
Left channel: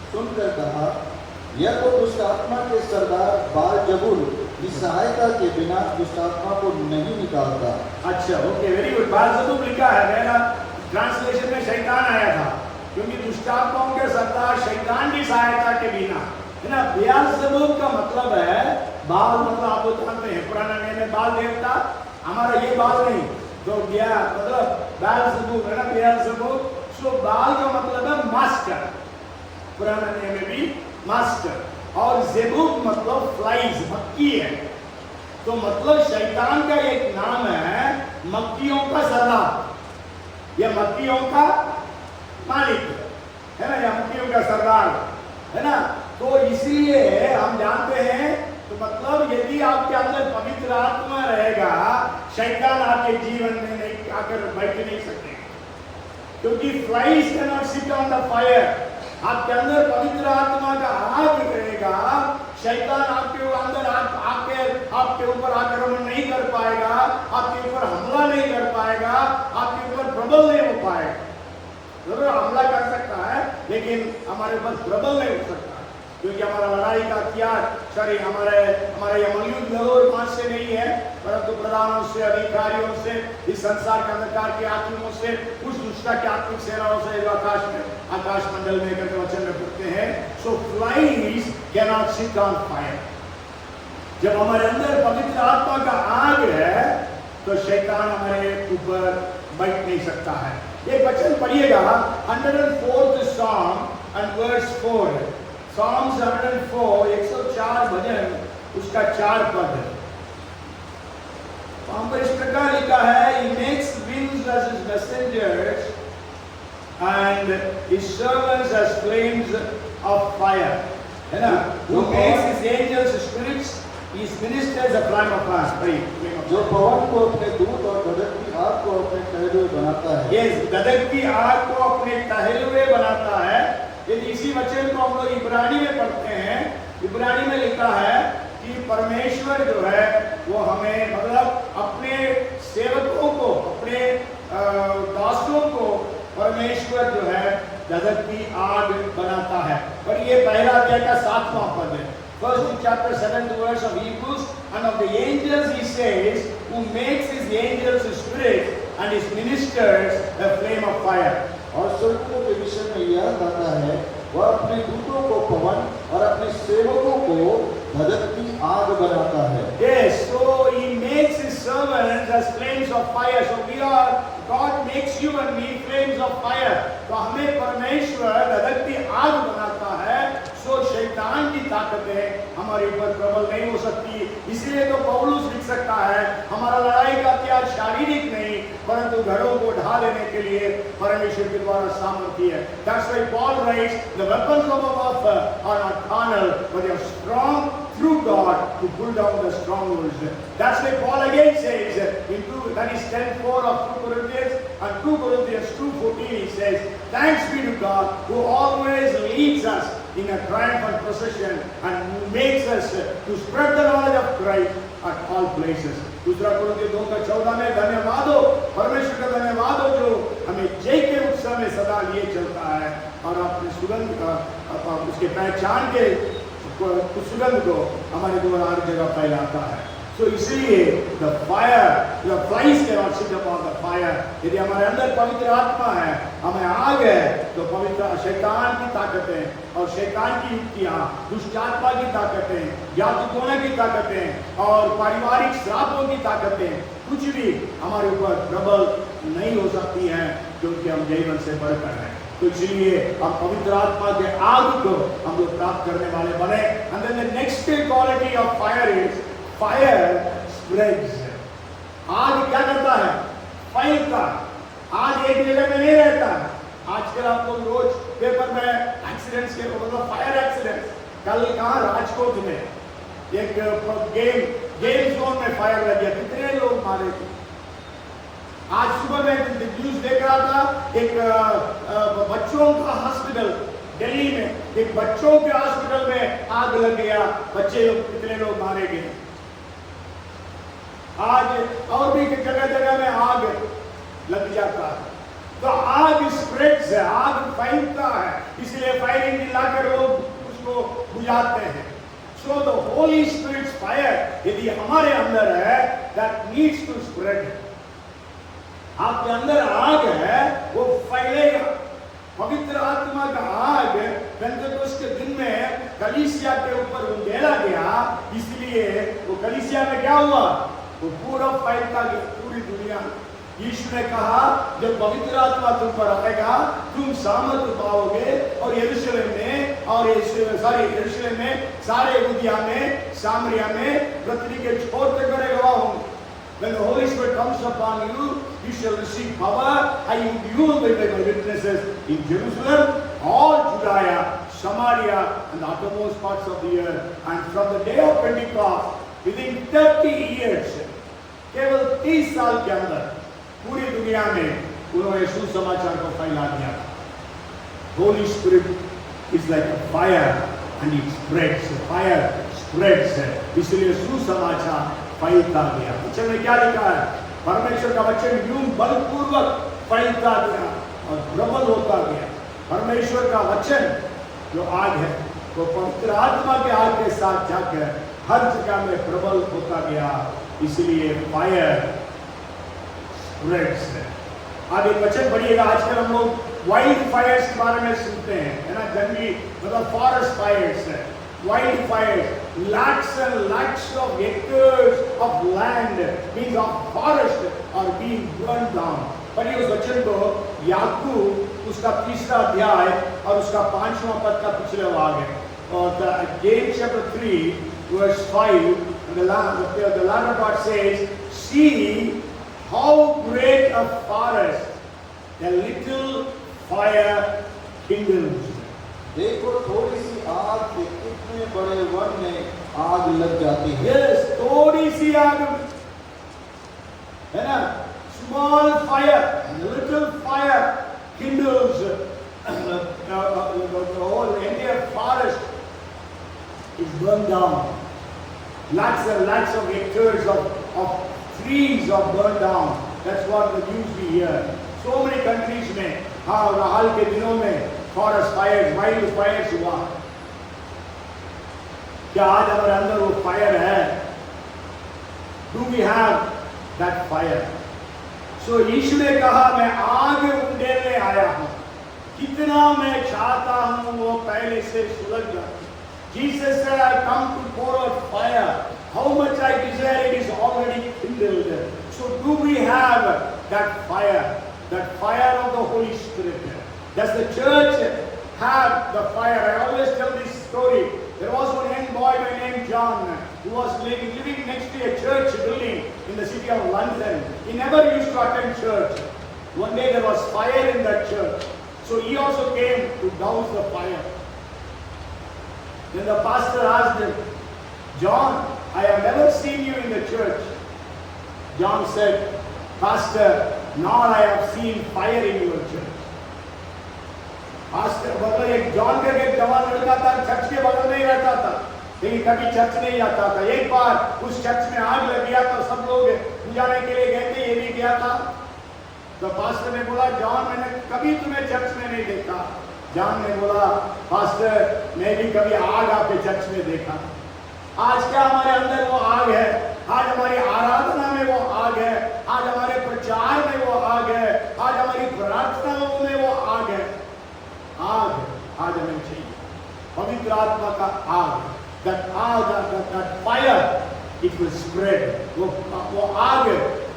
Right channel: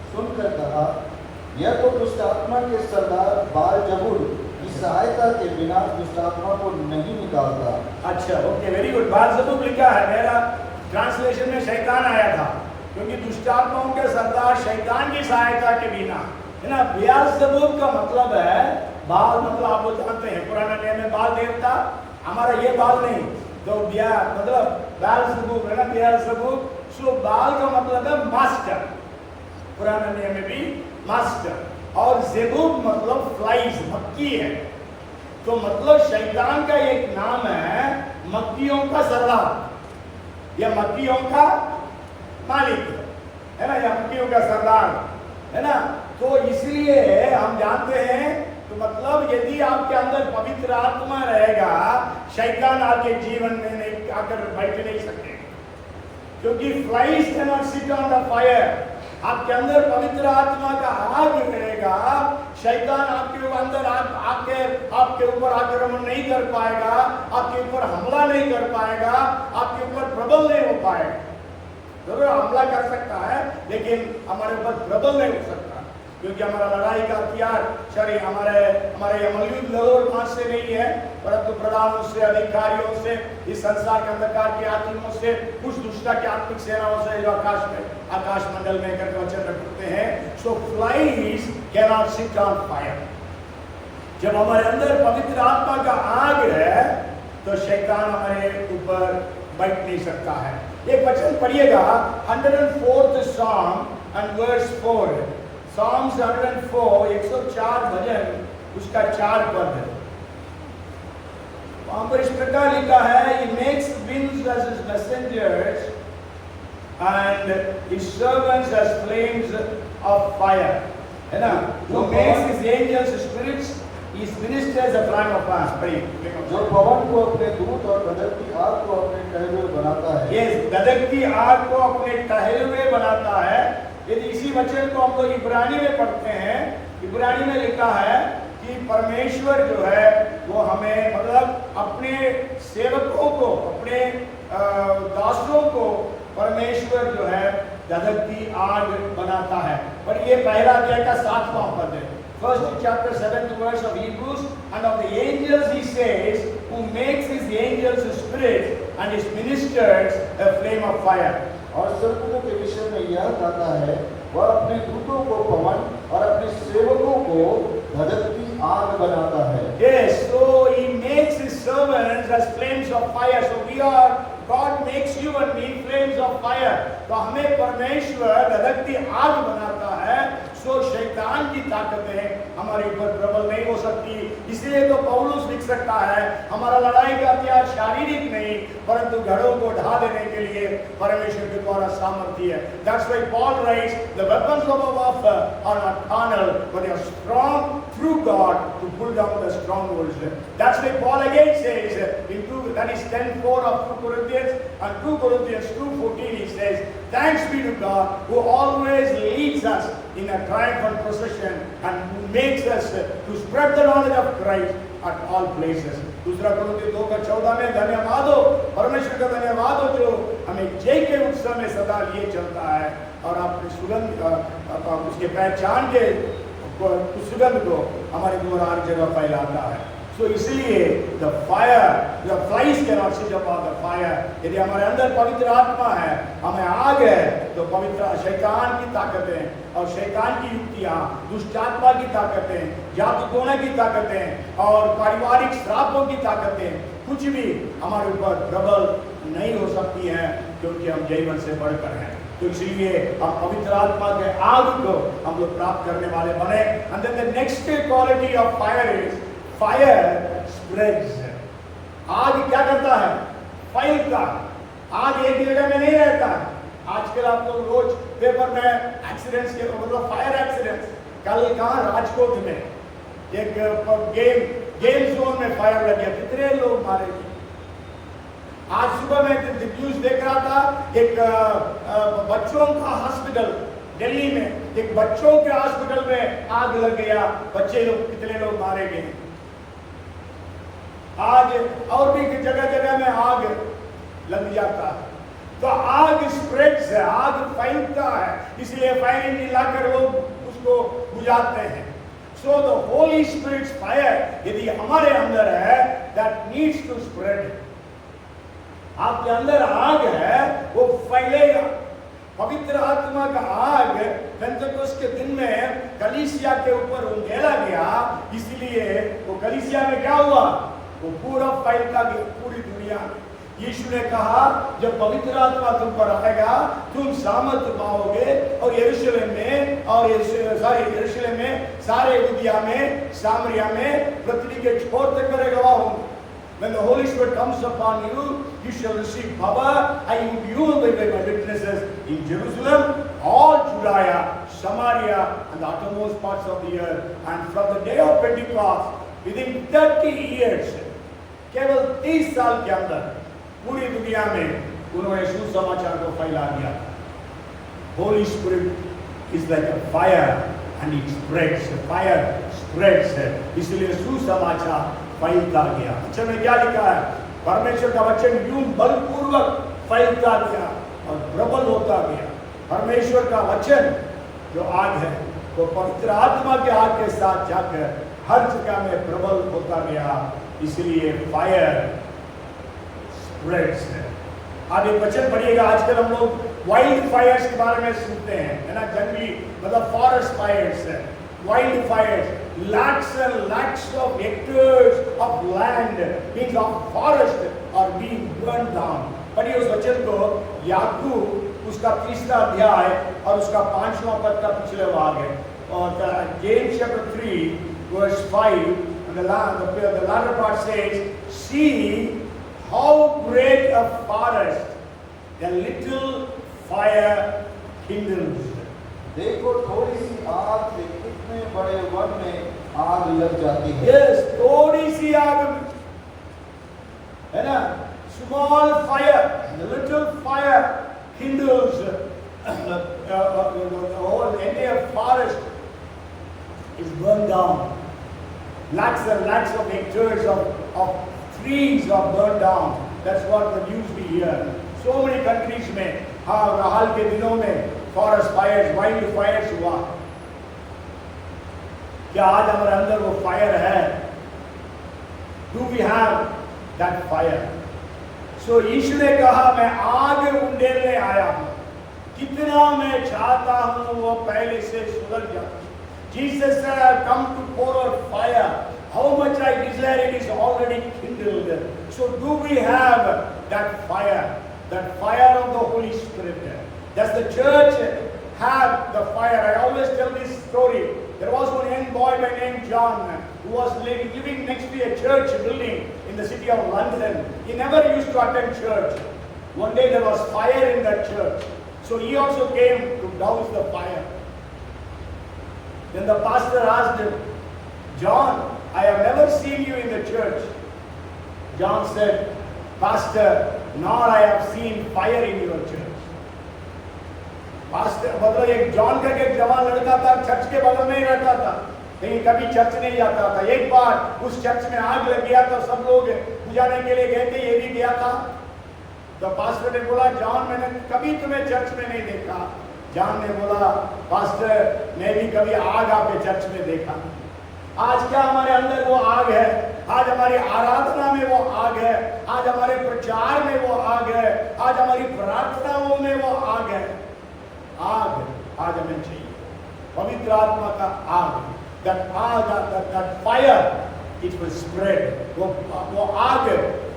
सुनकर कहा, यह तो दुष्ट आत्मा के सरदार बालजबूल की सहायता के बिना दुष्ट आत्मा को नहीं निकालता। अच्छा, ओके, वेरी गुड। बालजबूल लिखा है, मेरा ट्रांसलेशन में शैतान आया था, क्योंकि दुष्ट आत्माओं के सरदार शैतान की सहायता के बिना, है ना। बेल्ज़ेबूल का मतलब है बाल, मतलब आप लोग जानते हैं पुराना नियम में बाल देवता, हमारा ये बाल नहीं, तो मतलब बेल्ज़ेबूल है ना, बेल्ज़ेबूल। सो बाल का मतलब है मास्टर, पुराना नियम में भी मास्टर, और ज़ेबूब मतलब फ्लाइज, मक्खी है। तो मतलब शैतान का एक नाम है मक्खियों का सरदार, या मक्खियों का मालिक, है ना, या मक्खियों का सरदार, है ना। तो इसलिए हम जानते हैं, तो मतलब यदि आपके अंदर पवित्र आत्मा रहेगा, शैतान आपके जीवन में आकर बैठ नहीं सकते, क्योंकि flies can not sit on the fire. आपके अंदर पवित्र आत्मा का आग रहेगा, शैतान आपके अंदर आपके ऊपर आक्रमण नहीं कर पाएगा, आपके ऊपर हमला नहीं कर पाएगा, आपके ऊपर प्रबल नहीं हो पाएगा। जरूर हमला कर सकता है, लेकिन हमारे ऊपर प्रबल नहीं हो सकता, क्योंकि हमारा लड़ाई का हथियार हमारे मौजूद लोग मांस से नहीं है, परंतु प्रधानों से, अधिकारियों से, इस संसार के अंधकार के आत्माओं से, कुछ दुष्टा के आत्मिक सेनाओं से, जो आकाश मंडल में करके वचन रखते हैं। So flies can not sit on fire. जब हमारे अंदर पवित्र आत्मा का आग है, तो शैतान हमारे ऊपर बैठ नहीं सकता है। एक वचन पढ़िएगा, 104th Psalm and verse 4। Psalms 104, 104 भजन, उसका 4 पद है। वहां पर इस प्रकार लिखा है, He makes winds as his messengers and his servants as flames of fire, है ना। Who makes his angels spirits He ministers a flame of fire. Pray. जो पवन को अपने दूत और गदर की आग को अपने टहलुए बनाता है। ये गदर की आग को अपने टहलुए बनाता है। यदि इसी वचन को हम लोग इब्रानी में पढ़ते हैं, इब्रानी में लिखा है कि परमेश्वर जो है वो हमें मतलब अपने सेवकों को, अपने दासों को परमेश्वर जो है गदर की आग बनाता है। पर ये पहला अध्याय का 7वां पद है। First chapter 7th verse of Hebrews, and of the angels he says, who makes his angels his spirits and his ministers the flame of fire. और स्वर्गों के विषय में यह गाता है, वह अपने दूतों को पवन और अपने सेवकों को गदर की आग बनाता है। Yes, so he makes his servants as flames of fire. So we are, God makes you and me flames of fire. तो हमें परमेश्वर गदर की आग बनाता है। सो शैतान की ताकतें हमारे ऊपर प्रबल नहीं हो सकती। इसलिए तो पौलुस लिख सकता है, हमारा लड़ाई का हथियार शारीरिक नहीं परंतु घरों को ढा देने के लिए परमेश्वर के द्वारा सामर्थ्य है। That's why Paul writes, the weapons of our warfare are not carnal, but they are strong through God to pull down the strongholds. That's why Paul again says in 10:4 of 2 Corinthians and 2 Corinthians 2:14 he says, thanks be to God who always leads us in a triumphal procession and who makes us to spread the knowledge of Christ at all places. दूसरा कोरिन्थियों 2:14 में धन्यवाद हो, परमेश्वर का धन्यवाद हो जो हमें जय के उत्सव में सदा लिए चलता है और अपनी सुगंध उसके पहचान के सुगंध को हमारे द्वारा हर जगह फैलाता है। सो इसलिए द फायर, द फ्लाइज के not sit upon the fire. यदि हमारे अंदर पवित्र आत्मा है, हमें आग है, तो पवित्र शैतान की ताकतें और शैतान की युक्तियां, दुष्ट आत्मा की ताकतें, जातिकों की ताकतें और पारिवारिक श्रापों की ताकतें कुछ भी हमारे ऊपर प्रबल नहीं हो सकती हैं, क्योंकि हम जीवन से बढ़कर हैं। तो इसलिए हम पवित्र आत्मा के आग को हम लोग प्राप्त करने वाले बने। And then the next quality of fire is fire spreads. आग क्या करता है? फैलता। आग एक जगह में नहीं रहता। आजकल आप लोग रोज पेपर में एक्सीडेंट्स के मतलब फायर एक्सीडेंट्स, कल कहाँ राजकोट में एक गेम जोन में फायर लग गया, कितने लोग मारे थे। आज सुबह में न्यूज देख रहा था, एक बच्चों का हॉस्पिटल दिल्ली में, एक बच्चों के हॉस्पिटल में आग लग गया, बच्चे लोग कितने लोग मारे गए। आज और भी जगह जगह में आग लग जाता है। तो आग स्प्रेड्स है, आग फैलता है, इसलिए फायर इंजन लाकर लोग उसको बुझाते हैं। So the holy spirit's fire यदि हमारे अंदर है, दैट नीड्स टू स्प्रेड। आपके अंदर आग है, वो फैलेगा। पवित्र आत्मा का आग पेंटेकोस्ट के दिन में कलीसिया के ऊपर उंडेला गया, इसलिए वो कलीसिया में क्या हुआ? वो पूरा फैलता गया पूरी दुनिया। यीशु ने कहा, जब पवित्र आत्मा तुम पर आएगा, तुम सामर्थ पाओगे और यरूशलेम में और यरूशलेम में, सारे यहूदिया में, सामरिया में, पृथ्वी के छोर तक मेरे गवाह होंगे। When the Holy Spirit comes upon you, you shall receive power, and you will be my witnesses in Jerusalem, all Judea, Samaria, and the uttermost parts of the earth. And from the day of Pentecost, within 30 years, केवल 30 साल के अंदर पूरी दुनिया में उन्होंने सुसमाचार को फैला दिया। Holy Spirit is like a fire, and it spreads. The fire spreads. इसलिए सुसमाचार फैलता गया। वचन में क्या लिखा है? परमेश्वर का वचन यूं बलपूर्वक फैलता गया और प्रबल होता गया। परमेश्वर का वचन जो आग है, वो पवित्र आत्मा के आग के साथ जाकर हर जगह में प्रबल होता गया। इसलिए फायर स्प्रेड्स है। आप एक वचन पढ़िएगा। आजकल हम लोग वाइल्ड फायर्स के बारे में सुनते हैं, है ना? जंगली मतलब फॉरेस्ट फायर्स है, wild Fyers. Lakhs and lakhs of hectares of land, means of forest, are being burned down. पढ़िए उस वचन को, याकूब उसका 3रा अध्याय और उसका 5वां पद का पिछले भाग है। और James chapter 3 verse 5, the latter part says, see how great a forest a little fire kindles. देखो थोड़ी सी आग के कितने बड़े वन में आग लग जाती है। यस, थोड़ी सी आग में, है ना, small fire, little fire kindles the whole entire forest is burned down. Lakhs and lakhs of hectares of trees are burned down. That's what the news we hear. So many countries में, हाँ, हाल के दिनों में forest fires, wild fires हुआ। क्या आज हमारे अंदर वो फायर है? Do we have that fire? So यीशु ने कहा, मैं आग उंडेलने आया हूँ। कितना मैं चाहता हूँ वो पहले से सुलग जाए। Jesus said, I've come to pour out fire. How much I desire, it is already kindled. So do we have that fire? That fire of the Holy Spirit? Does the church have the fire? I always tell this story. There was one young boy by name John who was living next to a church building in the city of London. He never used to attend church. One day there was fire in that church. So he also came to douse the fire. Then the pastor asked him, John, I have never seen you in the church. John said, Pastor, nor I have seen fire in your church. Pastor मतलब एक John का एक जवान लड़का था, church के बगल में ही रहता था, लेकिन कभी चर्च नहीं जाता था। एक बार उस चर्च में आग लग गया तो सब लोग बुझाने के लिए गए थे, ये भी गया था। तो पास्टर ने बोला, जॉन, मैंने कभी तुम्हें चर्च में नहीं देखा। जॉन ने बोला, पास्टर, मैं भी कभी आग आपके चर्च में देखा। आज क्या हमारे अंदर वो आग है? आज हमारी आराधना में वो आग है, आज हमारे प्रचार में वो आग है, आज हमारी प्रार्थनाओं में वो आग है। आग आज हमें चाहिए, पवित्र आत्मा का आग। that आग, that fire, it will spread. वो आग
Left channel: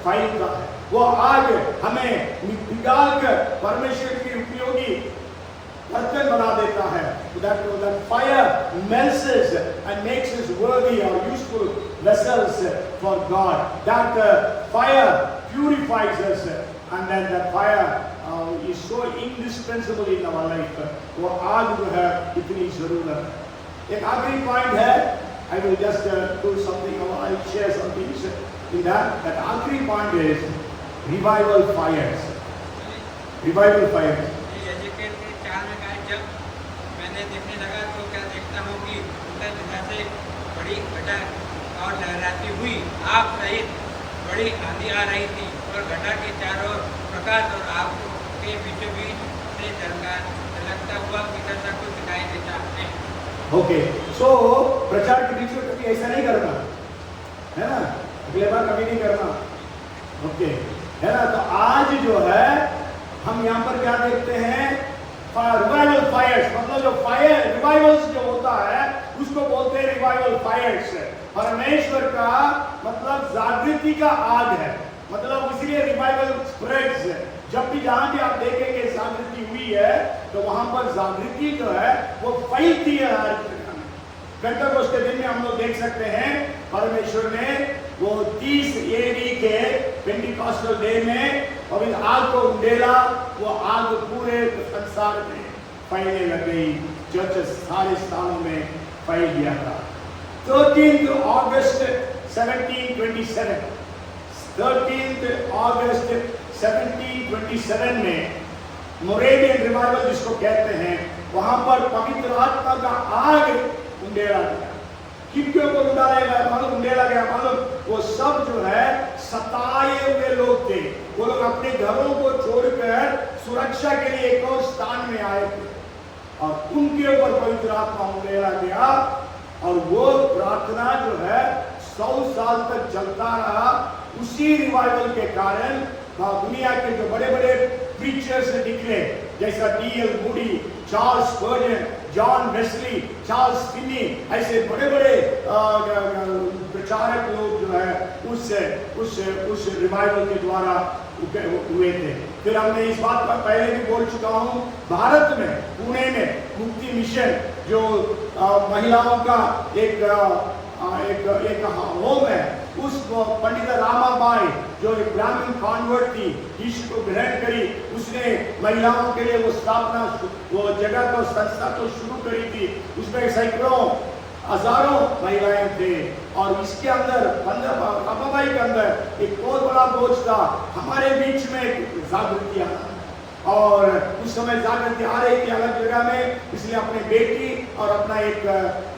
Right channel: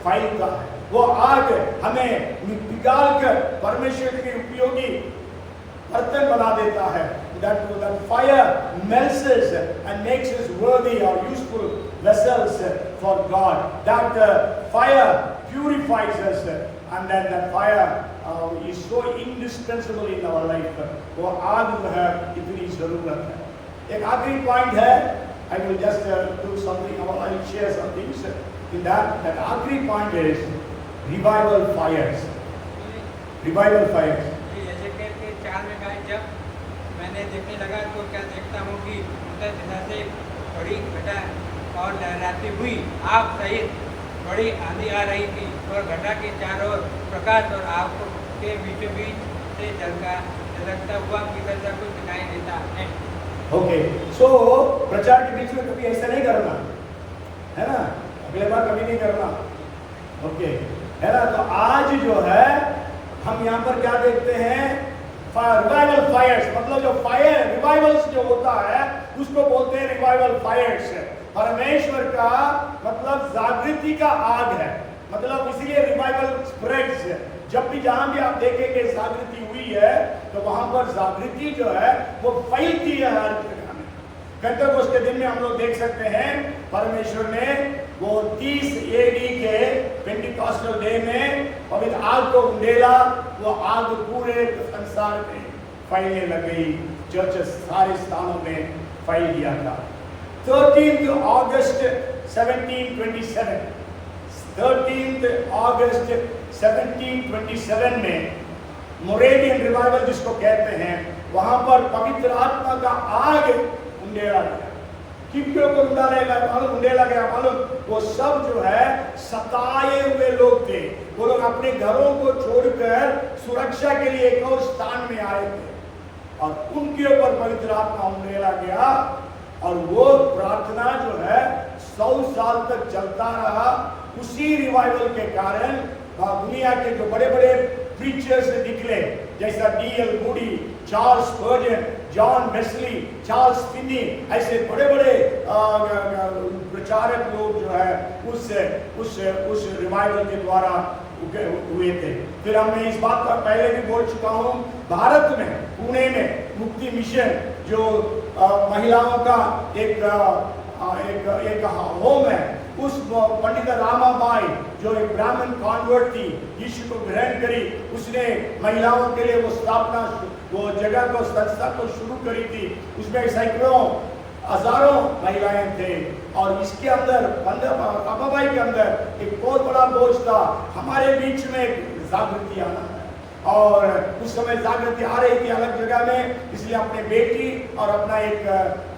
फैलता है, वो आग हमें निकाल कर परमेश्वर के उपयोगी बर्तन बना देता है। that fire melts us and makes us worthy or useful vessels for God. That fire purifies us, and then the fire is so indispensable in our life. वो आग जो है इतनी जरूरत है। एक आखिरी पॉइंट है, I will just do something, I will share some things in that. That आखिरी point is revival fires. Revival fires. जब मैंने देखने लगा तो क्या देखता हूँ कि उत्तर दिशा से बड़ी घटा और लहराती हुई आग सहित बड़ी आंधी आ रही थी, और घटा के चारों ओर प्रकाश और आग के बीचों बीच से झलकता हुआ भीतर तक कुछ दिखाई देता है। ओके, सो प्रचार के बीच में कभी ऐसा नहीं करना है ना, अगले बार कभी नहीं करना। ओके, है ना। तो आज जो है हम यहाँ पर क्या देखते हैं, रिवाइवल फायर्स, मतलब जो फायर रिवाइवल्स जो होता है उसको बोलते हैं रिवाइवल फायर्स। परमेश्वर का मतलब जागृति का आग है, मतलब इसलिए रिवाइवल स्प्रेड्स है। जब भी जहां भी आप देखेंगे जागृति हुई है तो वहां पर जागृति जो है वो फैलती है। पेंटेकोस्ट के दिन में हम लोग देख सकते हैं परमेश्वर ने वो 30 एडी के पेंटिकॉस्टल डे में पवित्र आग को उंडेला, वो आग पूरे संसार में फैलने लग गई, चर्च सारे स्थानों में फैल गया था। 13th August 1727, 13th August 1727 में मोरेवियन रिवाइवल जिसको कहते हैं, वहां पर पवित्र आत्मा का आग उंडेला गया। किनके ऊपर उंडेला गया मालूम? वो सब जो है सताए हुए लोग थे, वो लोग अपने घरों को छोड़कर सुरक्षा के लिए एक और स्थान में आए थे, और उनके ऊपर पवित्र आत्मा उंडेला गया, और वो प्रार्थना जो है 100 साल तक चलता रहा। उसी रिवाइवल के कारण दुनिया के जो बड़े बड़े प्रीचर्स निकले, जैसा D.L. Moody, Charles Spurgeon, John Wesley, Charles Finney, ऐसे बड़े बड़े प्रचारक लोग जो है उस रिवाइवल के द्वारा हुए थे। फिर हमने इस बात पर पहले भी बोल चुका हूँ, भारत में पुणे में मुक्ति मिशन जो महिलाओं का एक होम है, उस पंडित रामाबाई जो एक ब्राह्मण कॉन्वर्ट थी, यीशु को ग्रहण करी, उसने महिलाओं के लिए वो स्थापना, वो जगह को, संस्था को शुरू करी थी। उसमें सैकड़ों हजारों महिलाएं थे और इसके अंदर अबाबाई के अंदर एक बहुत बड़ा बोझ था। हमारे बीच में जागृति आना और उस समय जागृति आ रही थी अलग जगह में, इसलिए अपने बेटी और अपना एक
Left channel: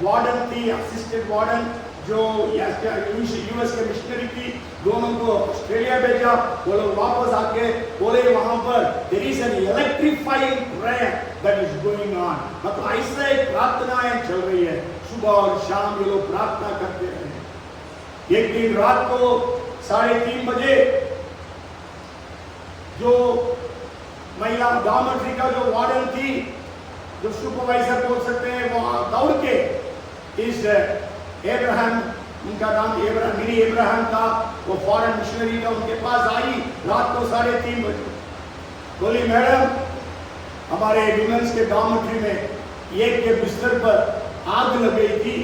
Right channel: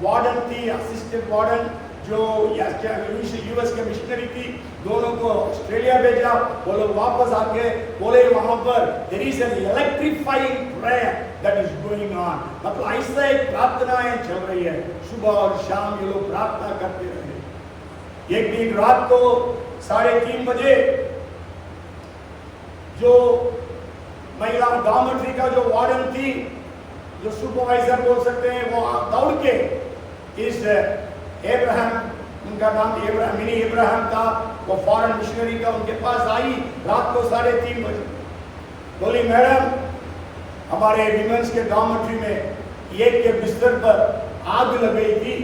वार्डन थी, असिस्टेंट वार्डन जो यूएस के मिशनरी थी, दोनों को ऑस्ट्रेलिया भेजा। वो लोग वापस आके बोले वहां पर there is an electrifying prayer that is going on, मतलब ऐसा एक प्रार्थनाएं चल रही है, सुबह और शाम ये लोग प्रार्थना करते रहे। एक दिन रात को 3:30 बजे जो महिला डॉर्मेट्री का जो वार्डन थी, जो सुपरवाइजर बोल सकते हैं, वो दौड़ के इस एब्राहम, उनका नाम मिनी एब्राहम था, वो फॉरेन मिशनरी था, उनके पास आई रात को 3:30 बजे। बोली मैडम हमारे विमेंस के डॉर्मेट्री में एक के बिस्तर पर आग लग गई थी,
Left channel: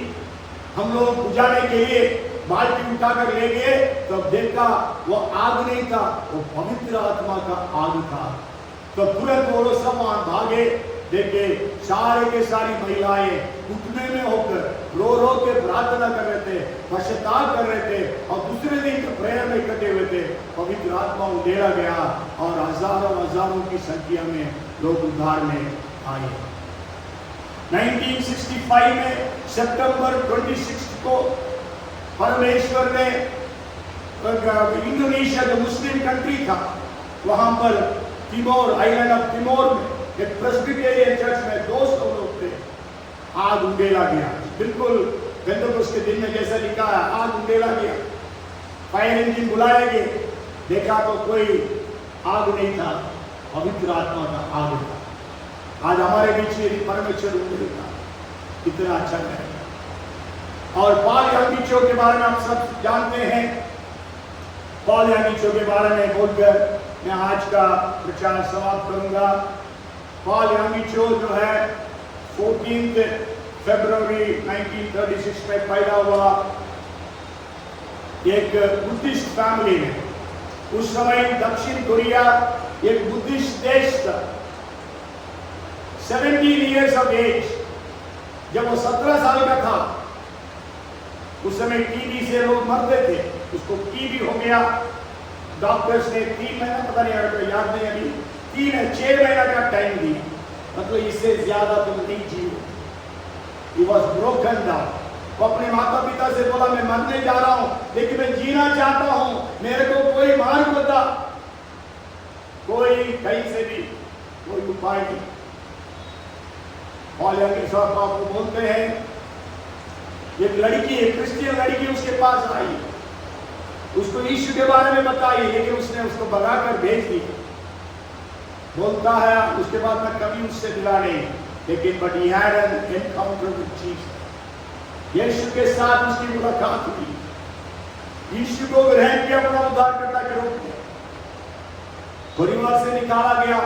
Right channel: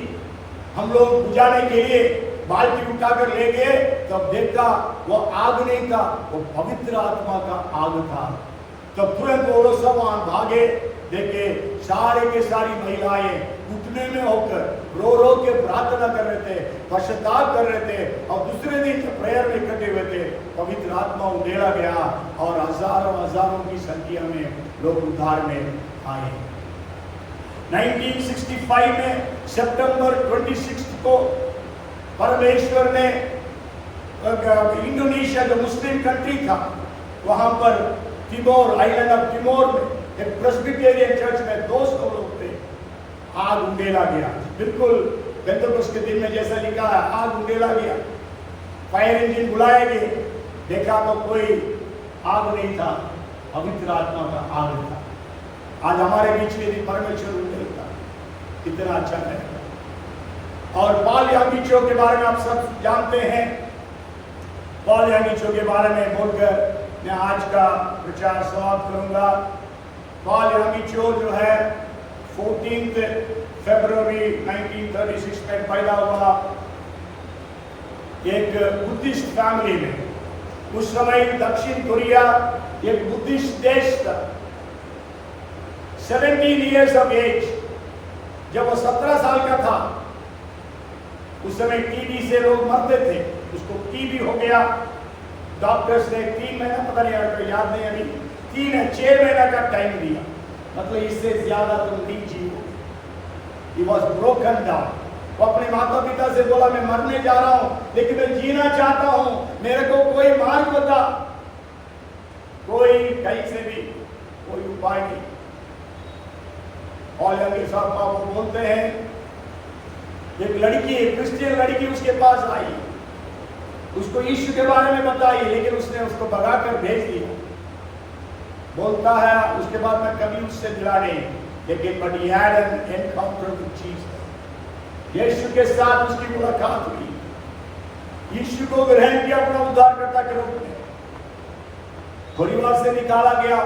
हम लोग बुझाने के लिए बाल्टी उठाकर ले गए, तब देखा वो आग नहीं था, वो पवित्र आत्मा का आग था। तो तुरंत वो लोग सब वहां भागे, देखे सारे के सारी महिलाएं घुटने में होकर रो रो के प्रार्थना कर रहे थे, पश्चाताप कर रहे थे और दूसरे दिन प्रेयर में करते हुए थे। पवित्र आत्मा उंडेला गया और हजारों हजारों की संख्या में लोग उद्धार में आए। 1965 में सितंबर 26 को परमेश्वर ने इंडोनेशिया जो मुस्लिम कंट्री था वहां पर तिमोर, आइलैंड ऑफ तिमोर में एक प्रेस्बिटेरियन चर्च में 200 लोग थे, आग उंडेला गया, बिल्कुल पेंटेकोस्ट के दिन में जैसा लिखा है, आग उंडेला गया। फायर इंजन बुलाया गया, देखा तो कोई आग नहीं था, पवित्र आत्मा का आग था। आज हमारे बीच में परमेश्वर उंडेला, कितना अच्छा है। और पॉल यानीचो के बारे में आप सब जानते हैं। पॉल यानीचो के बारे में बोलकर मैं आज का प्रचार समाप्त करूंगा। पॉल यानीचो जो है 14 फरवरी 1936 में पैदा हुआ एक बुद्धिस्ट फैमिली में। उस समय दक्षिण कोरिया एक बुद्धिस्ट देश था। 17 years of age, जब वो 17 साल का था, उस समय टीबी से लोग मरते थे, उसको टीबी हो गया। डॉक्टर्स ने 3 महीना, पता नहीं आपको याद नहीं, अभी 6 महीना का टाइम दिया, मतलब इससे ज्यादा तुम नहीं जीवो। He was broken down। वो अपने माता पिता से बोला मैं मरने जा रहा हूं, लेकिन मैं जीना चाहता हूं, मेरे को कोई मार्ग बता, कोई कहीं से भी कोई उपाय नहीं। पॉल यानीचो साहब आपको बोलते हैं, एक लड़की, एक क्रिश्चियन लड़की उसके पास आई, उसको यीशु के बारे में बताई, लेकिन उसने उसको भगाकर भेज दिया। बोलता है उसके बाद मैं कभी उससे मिला नहीं, लेकिन but he had an encounter with Jesus। यीशु के साथ उसकी मुलाकात हुई, यीशु को ग्रहण किया अपना उद्धारकर्ता के रूप में, परिवार से निकाला गया।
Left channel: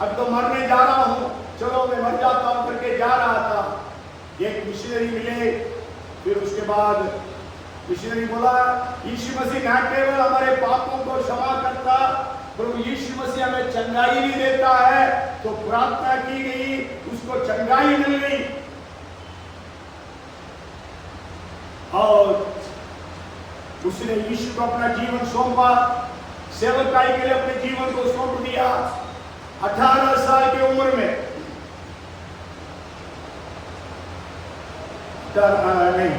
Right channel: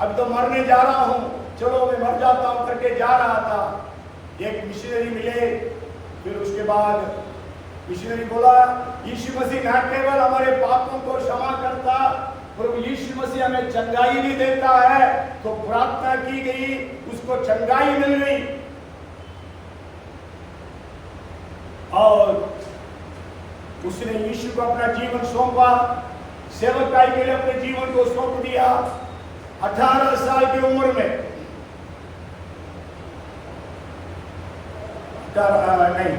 अब तो मरने जा रहा हूं, चलो मैं मर जाता हूं करके जा रहा था। एक मिशनरी मिले, फिर उसके बाद मिशनरी बोला यीशु मसीह न केवल हमारे पापों को क्षमा करता, प्रभु यीशु मसीह हमें चंगाई भी देता है। तो प्रार्थना की गई, उसको चंगाई मिल गई और उसने यीशु को अपना जीवन सौंपा, सेवकाई के लिए अपने जीवन को सौंप दिया। 18 साल की उम्र में, नहीं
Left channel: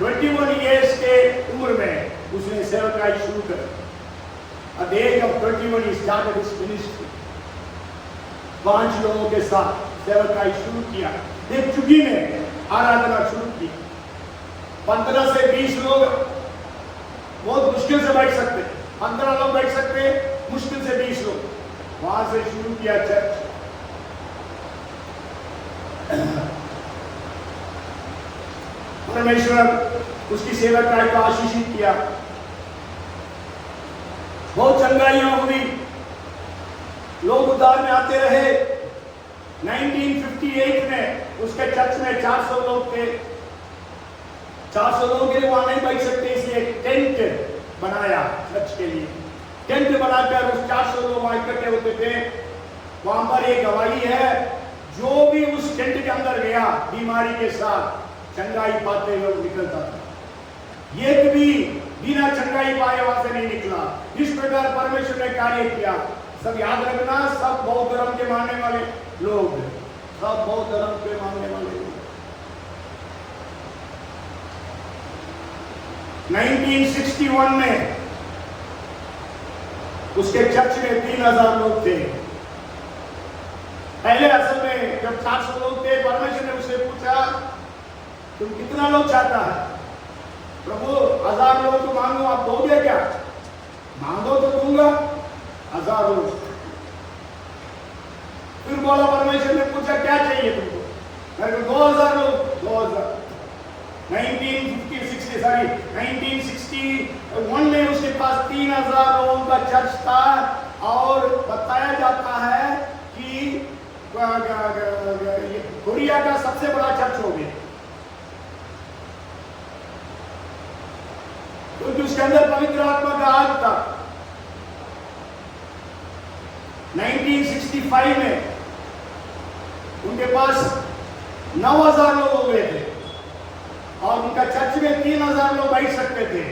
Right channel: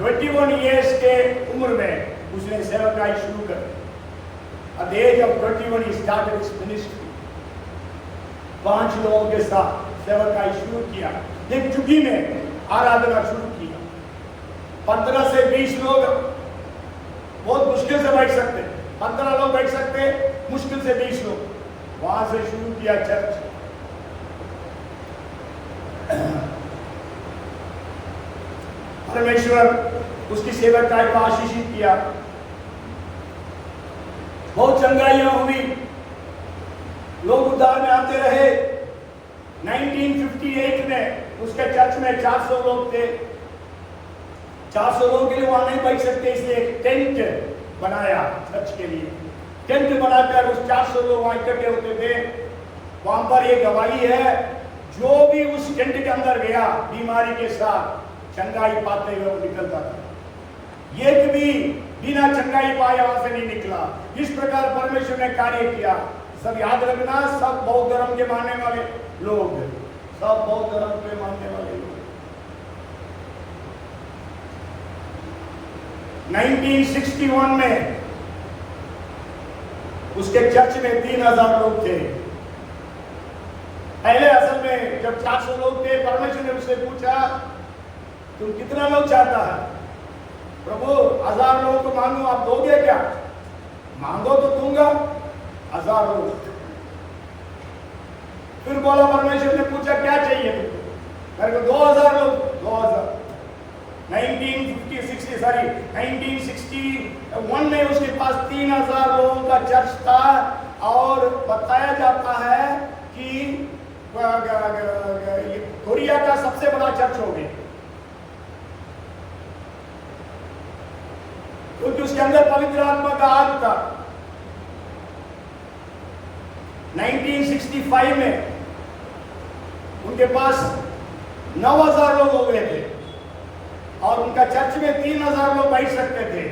21 years के उम्र में उसने सेवकाई शुरू कर। At the age of 21 he started his ministry। 5 लोगों के साथ सेवकाई शुरू किया, एक चुकी में आराधना शुरू की। 15 से 20 लोग बहुत मुश्किल से बैठ सकते, 15 लोग बैठ सकते, मुश्किल से 20 लोग। वहां से शुरू किया चर्च। परमेश्वर उसकी सेवकाई को आशीषित किया, बहुत चंगाइयां हुई, लोग उद्धार में आते रहे। 1958 में उसके चर्च में 400 लोग थे। 400 लोगों के लिए वहां नहीं बैठ सकते, इसलिए टेंट बनाया चर्च के लिए। टेंट बनाकर उस 400 लोग वहां इकट्ठे होते थे। वहां पर एक गवाही है, जो भी उस टेंट के अंदर गया बीमारी के साथ, चंगाई पाते हुए वो निकलता था। ये कभी बिना चंगाई पाए वहां से नहीं निकला। इस प्रकार परमेश्वर ने कार्य किया। सब याद रखना, सब बौद्ध धर्म के मानने वाले लोग, सब बौद्ध धर्म के मानने वाले लोग। 1961 में उसके चर्च में 3000 लोग थे। पहले असल में जब 400 लोग थे, परमेश्वर ने उससे पूछा तुम कितना लोग चाहता है? प्रभु 1000 लोग को मांगू, आप दोगे क्या? मांगो तो दूंगा, 1000 लोग। फिर बोला, परमेश्वर ने पूछा क्या चाहिए तुमको? मेरे को 2000 लोग। 2000 1961 में उसके पास 3000 लोगों का चर्च था और बताया जाता है कि कोरिया का सबसे बड़ा चर्च हो गया, क्योंकि उसके अंदर पवित्र आत्मा का आग था। 1965 में उनके पास 9000 लोग हो गए थे और उनका चर्च में 3000 लोग बैठ सकते थे।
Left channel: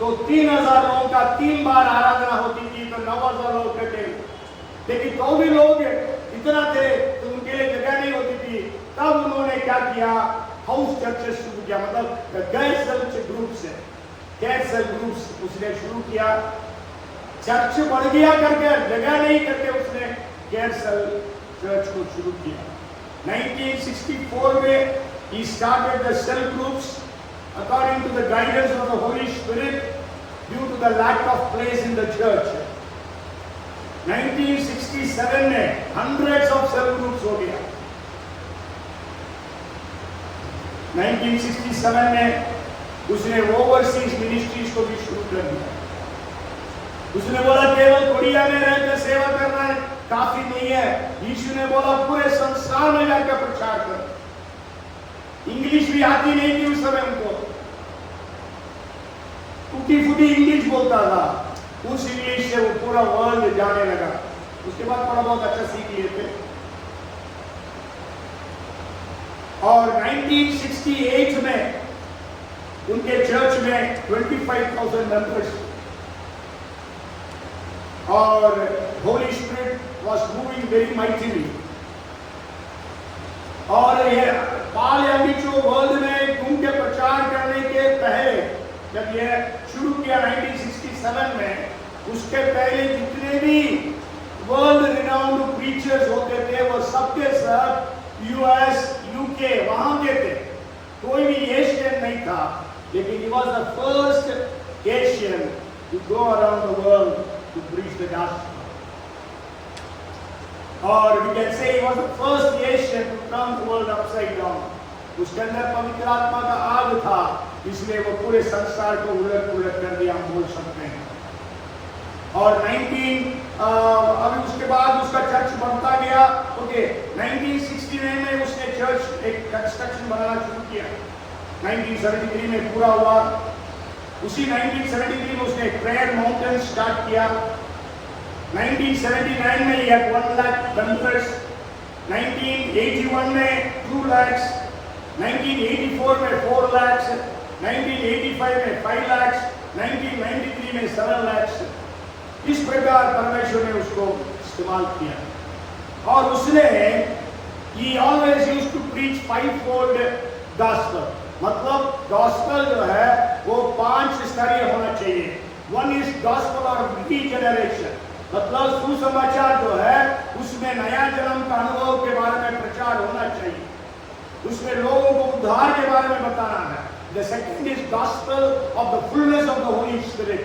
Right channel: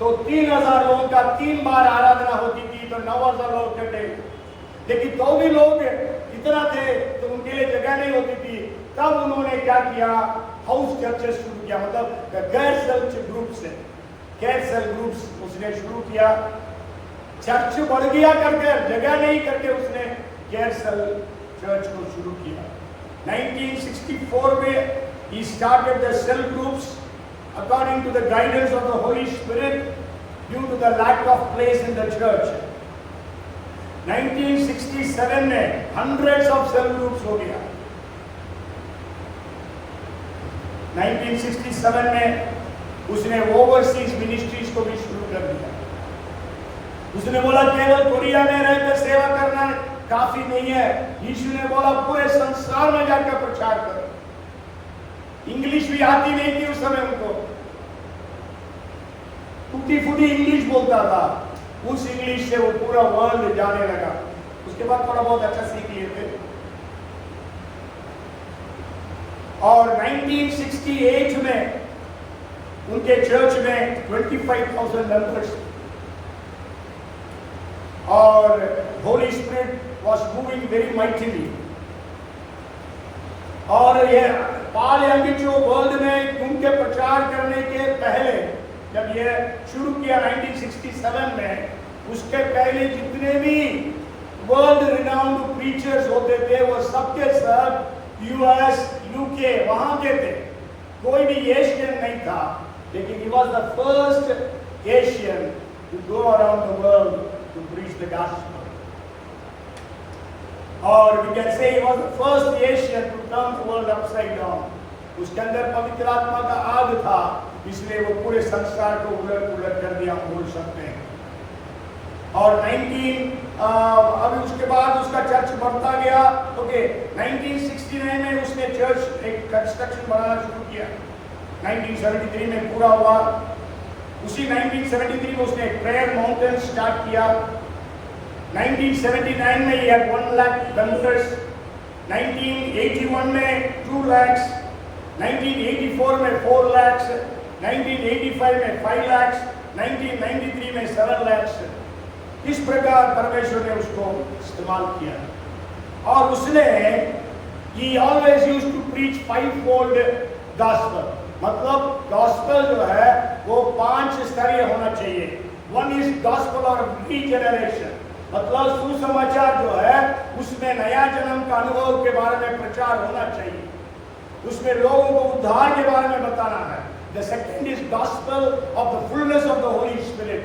तो 3000 लोगों का 3 बार आराधना होती थी, तो 9000 लोग कहते। लेकिन तो भी लोग इतना थे तो उनके लिए जगह नहीं होती थी। तब उन्होंने क्या किया? हाउस चर्चेस शुरू किया, मतलब गैर चर्च ग्रुप्स, गैर सेल ग्रुप्स उसने शुरू किया। चर्च बढ़ गया करके, जगह नहीं करके उसने गैर सेल चर्च को शुरू किया। 1964 में he started the cell groups according to the guidance of the Holy Spirit due to the lack of place in the church. 1967 में hundreds of cell groups हो गया। 1967 में उसने ओवरसीज मिनिस्ट्रीज को भी शुरू कर दिया। उसने बोला केवल कोरिया में रहकर सेवा करना है काफी नहीं है। यीशु ने बोला पूरे संसार में जाकर प्रचार करो। इंग्लिश भी आती नहीं थी उस समय उनको, टूटी फूटी इंग्लिश बोलता था। उस इंग्लिश से वो पूरा वर्ल्ड जाने लगा। उसके बाद थोड़ा बहुत अच्छा सीख लिए थे। और 1968 में उनके चर्च में 25,000 मेंबर्स और Holi spirit was moving very mightily. और ये पाल यामी जो वर्ल्ड में उनके प्रचार करने के पहले जब ये शुरू किया 1967 में, उसके पहले जितने भी वर्ल्ड रिनाउंड प्रीचर्स होते थे वो सबके सब यूएस यूके वहां के थे, कोई भी एशियन नहीं था। लेकिन he was the first Asian to go around the world to preach the gospel. और we can say he was the first Asian to turn the world upside down. उसके अंदर पवित्र आत्मा का आग था, इसलिए वो पूरे संसार को उलट कर दिया, हम बोल सकते हैं। और अभी उसके बाद उसका चर्च बढ़ता गया। ओके, 1969 में उसने चर्च एक कंस्ट्रक्शन बनाना शुरू किया। 1973 में पूरा हुआ। उसी 1973 में उसने प्रेयर माउंटेन स्टार्ट किया। 1979 में ये 1 लाख मेंबर्स, 1981 में 2 लाख, 1984 में 4 लाख, 1985 में 5 लाख, 1993 में 7 लाख। इस प्रकार परमेश्वर ने उसको इस्तेमाल किया। और उसने he always used to preach 5-fold gospel, मतलब गॉस्पेल जो है वो 5 स्तरीय होना चाहिए। 1 is gospel of regeneration, मतलब सुसमाचार जो है उसमें नया जन्म का अनुभव के बारे में प्रचार होना चाहिए, उसमें लोगों को उद्धार के बारे में बताना है। The second is gospel of the fullness of the Holy Spirit,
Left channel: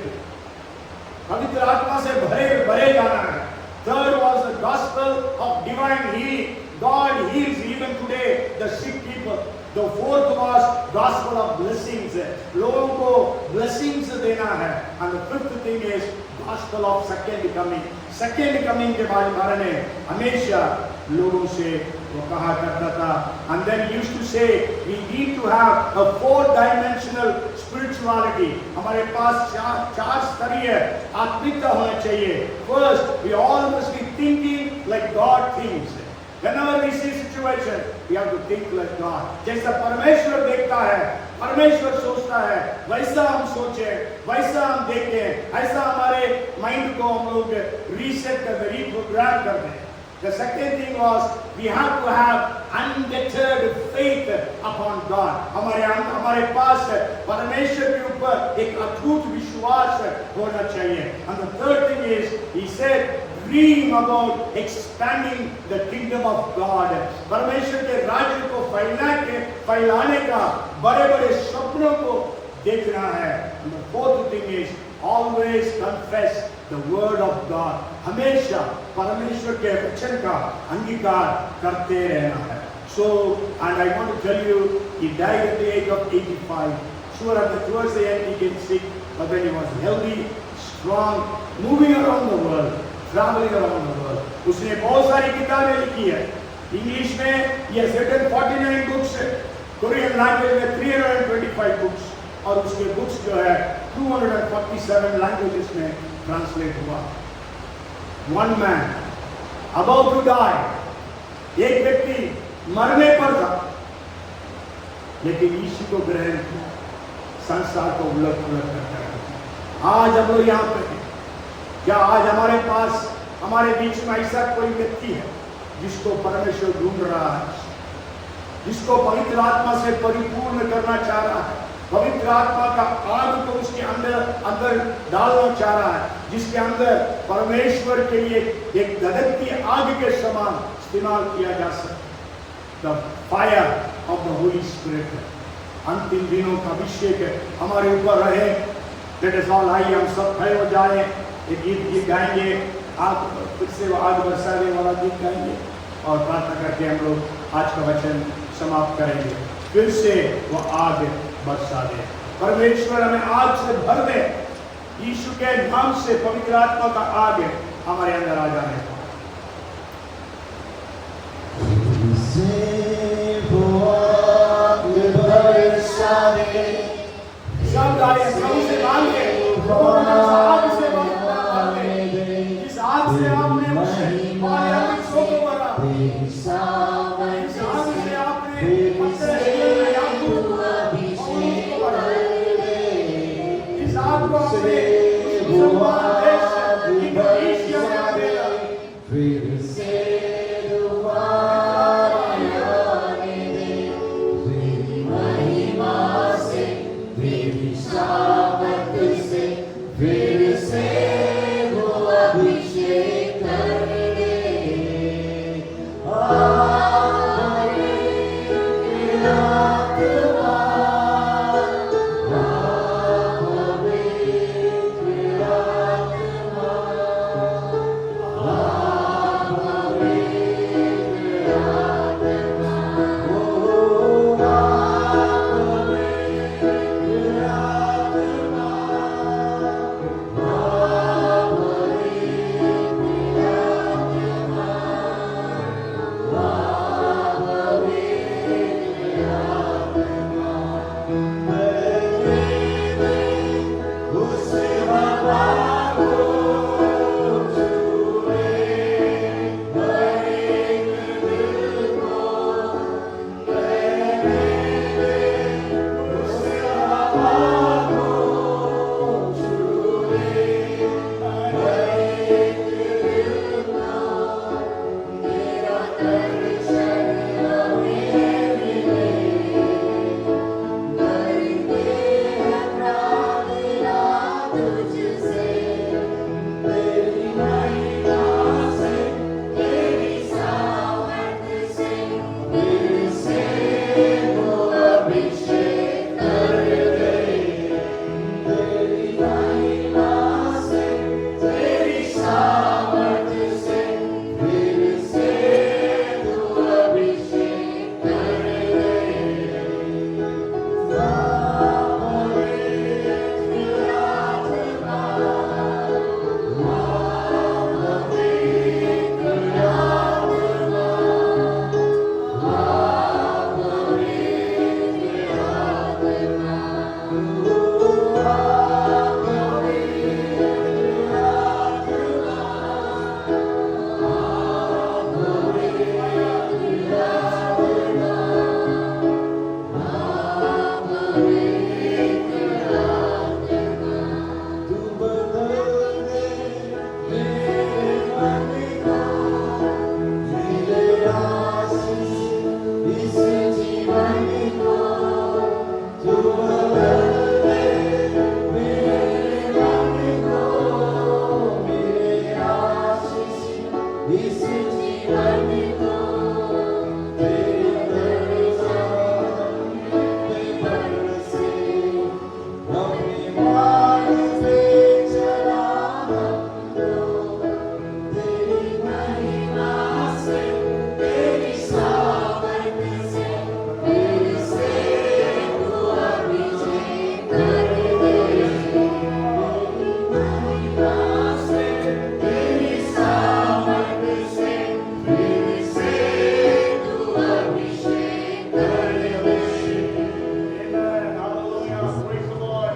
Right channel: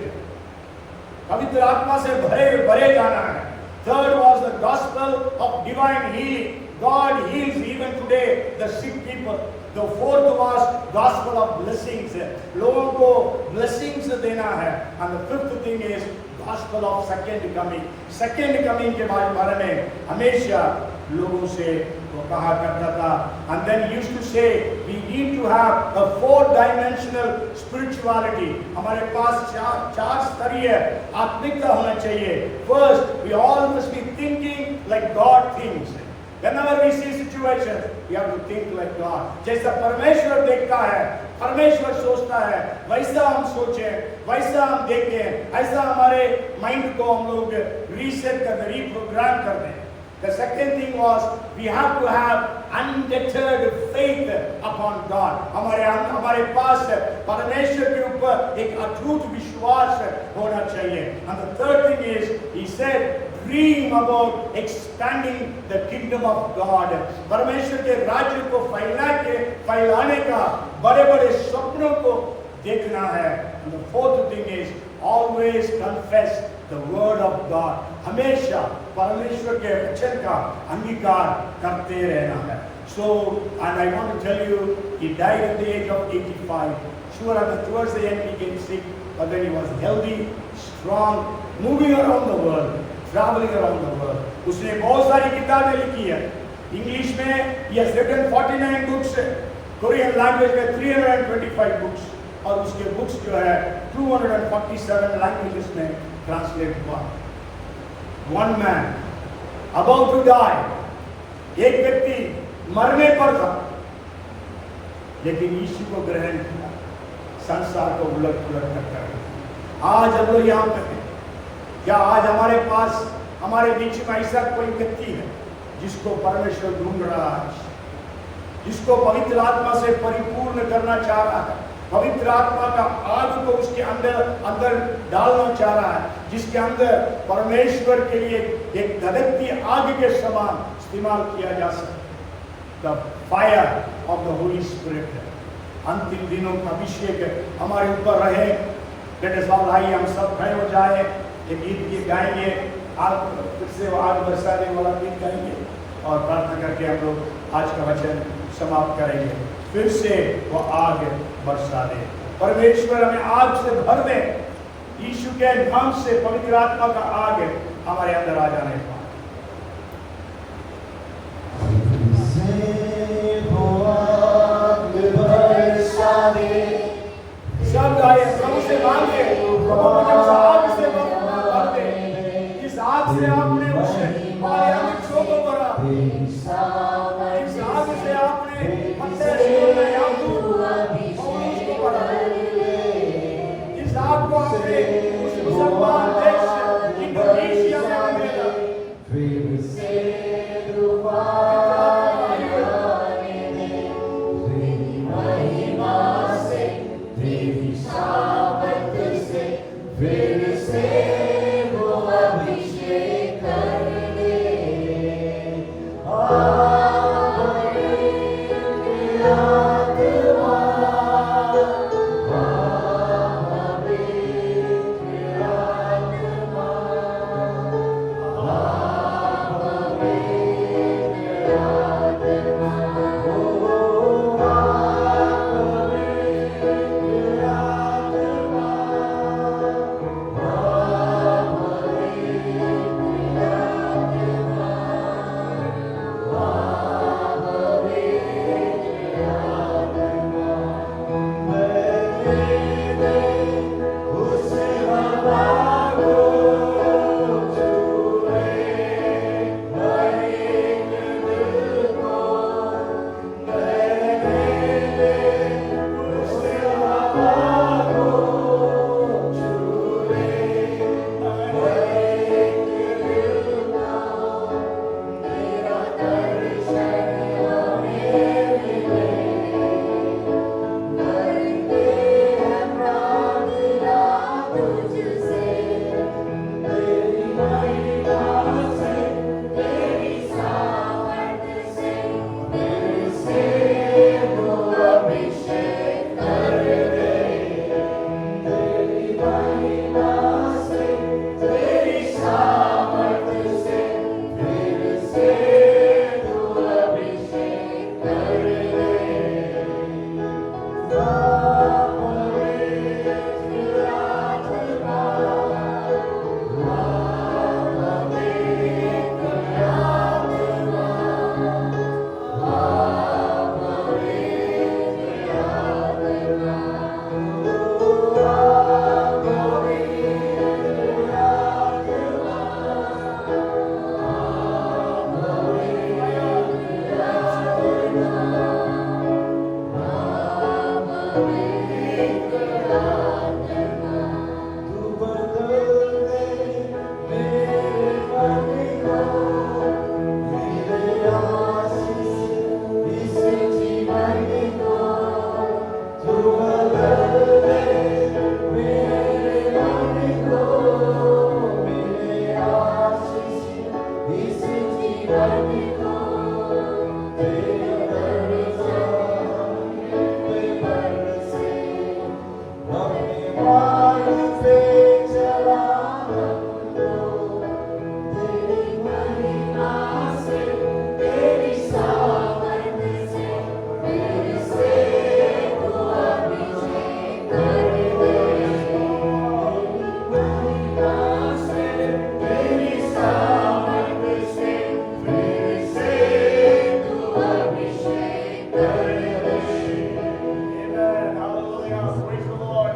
पवित्र आत्मा से भरे जाना है। Third was the gospel of divine healing, God heals even today the sick people. The fourth was gospel of blessings, लोगों को blessings देना है। And the fifth thing is gospel of second coming, second coming के बारे में हमेशा लोगों से वो कहा करता था। And then he used to say we need to have a 4-dimensional spirituality, हमारे पास 4 स्तरीय आत्मिकता होना चाहिए। First, we all must be thinking like God thinks, Whenever we see situation, we have to think like God. जैसा परमेश्वर देखता है, परमेश्वर सोचता है, वैसा हम सोचे, वैसा हम देखें, ऐसा हमारे माइंड को हम लोग रीसेट कर दे, रीप्रोग्राम कर दे. The second thing was we have to have undeterred faith upon God. हमारे पास परमेश्वर के ऊपर एक अटूट विश्वास होना चाहिए. And the third thing is, he said, dream about expanding the kingdom of God. परमेश्वर के राज्य को फैलाने का बड़े-बड़े सपनों को देखना है. And the fourth thing is, always confess the word of God. हमेशा परमेश्वर के वचन का अंगीकार करते रहना है. So, and I want to tell you, he died at the age of 85. Sure, towards the end he became sick, but then he was healthy, strong, moving around the world, traveling around the world. उसने बहुत सारी किताबें लिखी है. English में he has written 49 books, Korean language में 325 books, और उसके बुक्स जो है 247 लैंग्वेजेस में ट्रांसलेट हुआ. One man about to die, एक व्यक्ति मरने पर था, लेकिन यीशु को ग्रहण किया, संसार को उलट-पुलट कर दिया. आज हम लोग यहाँ पे हैं. क्या आज हमारे पास, हमारे बीच में ऐसा कोई व्यक्ति है जिसको परमेश्वर ढूंढ रहा है, जिसको पवित्र आत्मा से परिपूर्ण करना चाह रहा है, पवित्र आत्मा का आग को उसके अंदर डालना चाह रहा है, जिसके अंदर परमेश्वर के लिए एक धधकती आग के समान इस्तेमाल किया जा सकता है. The fire of the Holy Spirit. अंतिम दिनों का अभिषेक हमारे ऊपर रहे. Let us all आइए, हम सब खड़े हो जाएं, एक गीत गाएंगे, आप फिर से वो आग बरसाने वाला गीत गाएंगे और प्रार्थना करके हम लोग आज का वचन समाप्त करेंगे. फिर से वो आग बरसा दे. परमेश्वर हमें आग से भर दे. यीशु के नाम से पवित्र आत्मा का आग हमारे अंदर आ जाए. सब आए प्रभु से मांगे, प्रभु मुझे उस आग से भर दे, जिस आग से आपने उसे हमारे अंदर को भरा, इस आग से आपने अपने शरीर में याकूब पौलुस को भरा, इस आग को आपने उस मुसलमान देश इंडोनेशिया में भेजा. Amen. Hallelujah. Praise the Lord.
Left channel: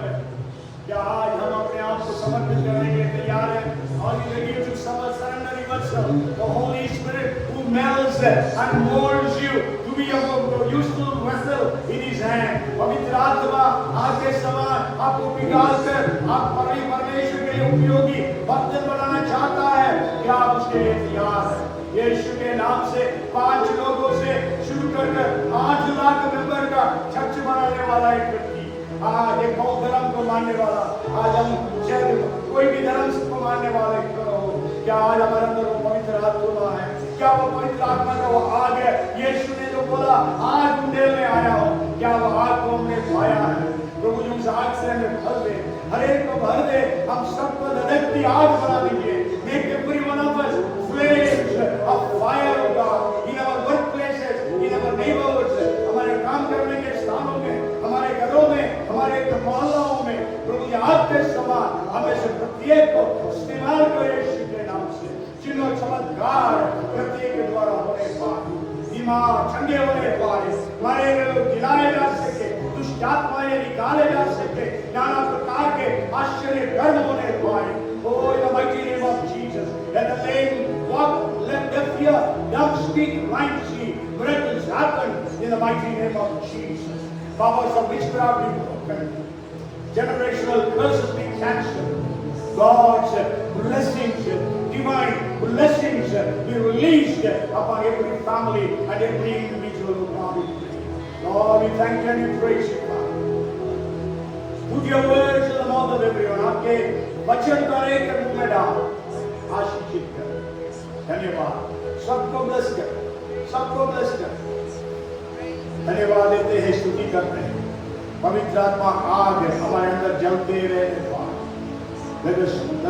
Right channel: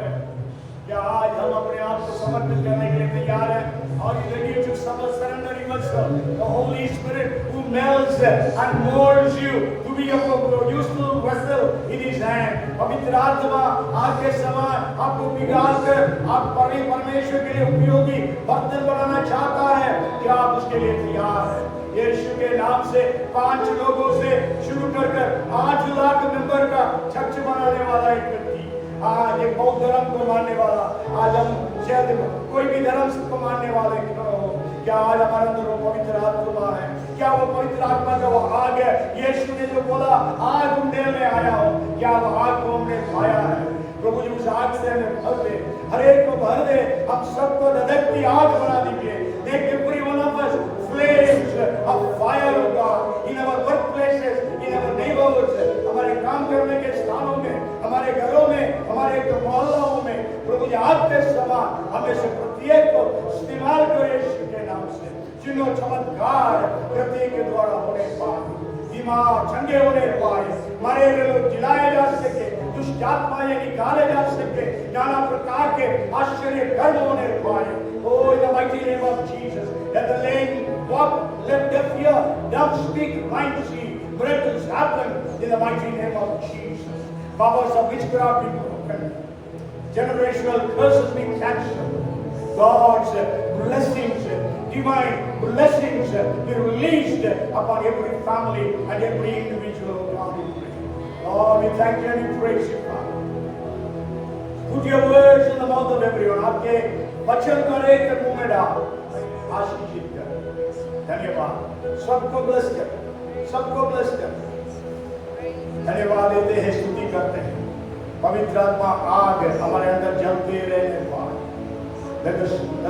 क्या आज हम अपने आप को समर्पित करने के लिए तैयार हैं? Are you ready to surrender yourself? The Holy Spirit who melds and molds you to be a useful vessel in His hand. पवित्र आत्मा आपके समान आपको पिघाल कर आप परमेश्वर के लिए उपयोगी बर्तन बनाना चाहता है। क्या आप उसके लिए तैयार हैं? यीशु के नाम से 5 लोगों से शुरू कर 8 लाख मेंबर का चर्च बनाने वाला एक व्यक्ति, आज एक बौद्ध धर्म को मानने वाला, आज हम शायद कोई भी धर्म को मानने वाले क्यों हो, क्या आज हमारे अंदर वो पवित्र आत्मा है? क्या वो पवित्र आत्मा का वो आग है? यीशु ने जो बोला आग उड़ने में आया हो, क्या वो आग को हमने पाया है? प्रभु जी उस आग से हमें भर दे, हर एक को भर दे, हम सबको धड़कती आग बना दीजिए। Make every one of us flames of fire of God in our workplaces, in our neighborhoods, हमारे काम करने के स्थानों में, हमारे घरों में, हमारे मोहल्लों में, प्रभु जी आपके समान हमें से प्रत्येक को इस्तेमाल करो यीशु के नाम से। चिन्ह चमत्कार प्रत्येक के द्वारा होने पाए, बीमार चंगे होने पाए, मरे हुए लोग जिलाए जा सके, दुष्ट आत्माएं निकाले जा सके, नाना प्रकार के आश्चर्य कर्म होने पाए। Oh, in the mighty name of Jesus, let the lame walk, let the fear, dumb speak, blind see, miracles happen in the mighty name of Jesus. Powers of witchcraft be broken, generational curses be cancelled, God's blessings, divine blessings be released upon every family and every individual of God. Lord, we thank you and we praise you, God. Put your words in the mouth of everyone. आपके वचन को हर एक के मुंह में डाल, आशीषित कर। धन्यवाद। सबको ब्लेस कर, सबको ब्लेस कर। धन्यवाद देते हैं, स्तुति करते हैं। पवित्र आत्मा आग हमारे अंदर जलते रहे। Let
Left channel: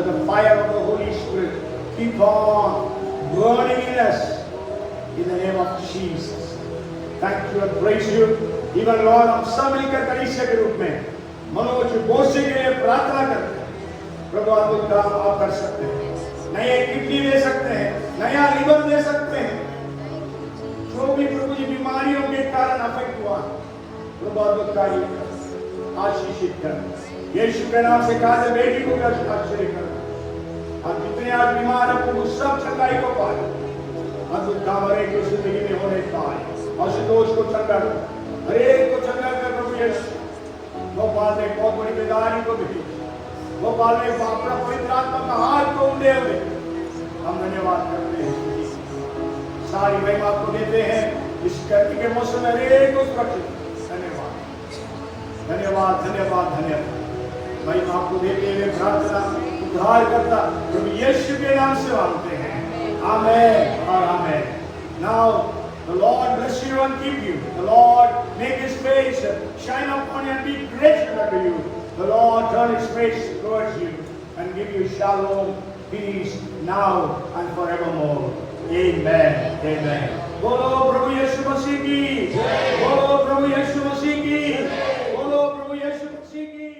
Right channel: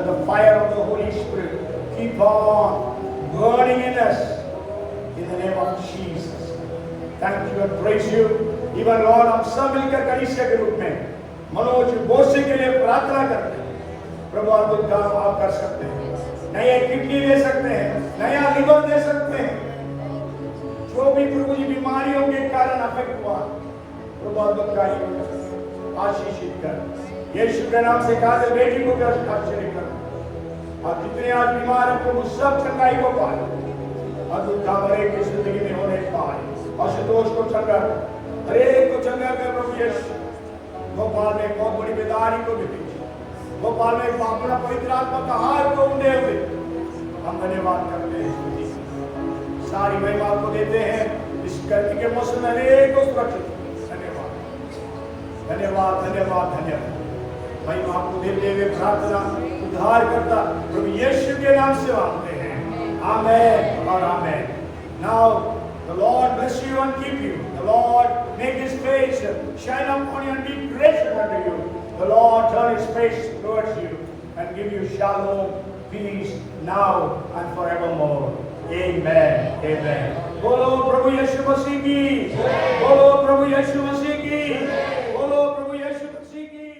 the fire of the Holy Spirit keep on burning in us in the name of Jesus. Thank you and praise you. Even Lord, हम सब मिलकर कलीसिया के रूप में मनोज बोसी के लिए प्रार्थना करते हैं। प्रभु आपको काम आप कर सकते हैं, नए किडनी दे सकते हैं, नया लिवर दे सकते हैं। जो भी प्रभु जी बीमारियों के कारण अफेक्ट हुआ, प्रभु आपको आशीषित कर। यीशु के नाम से कहा है, बेटी को आश्चर्य करो। अब जितने आज बीमार हैं, प्रभु सब चंगाई को पाए, अद्भुत काम हर एक की जिंदगी में होने पाए। असंतोष को चंगा, हर एक को चंगा कर प्रभु यीशु। भोपाल में बहुत बड़ी बीमारी को भी, भोपाल में अपना पवित्र आत्मा का हाथ को उड़े हुए हम धन्यवाद करते हैं। सारी महिमा आपको देते हैं इस गर्मी के मौसम में, हरेक को सुरक्षित। धन्यवाद धन्यवाद धन्यवाद धन्यवाद। महिमा आपको देते हुए प्रार्थना उद्धार करता प्रभु यीशु के नाम से मांगते हैं, आमेन और आमेन। Now the Lord bless you and keep you. The Lord make His face shine upon you and be gracious unto you. The Lord turn His face towards you and give you shalom, peace now and forevermore. Amen. Amen. बोलो प्रभु यीशु मसीह की, बोलो प्रभु यीशु मसीह की, बोलो प्रभु यीशु मसीह की।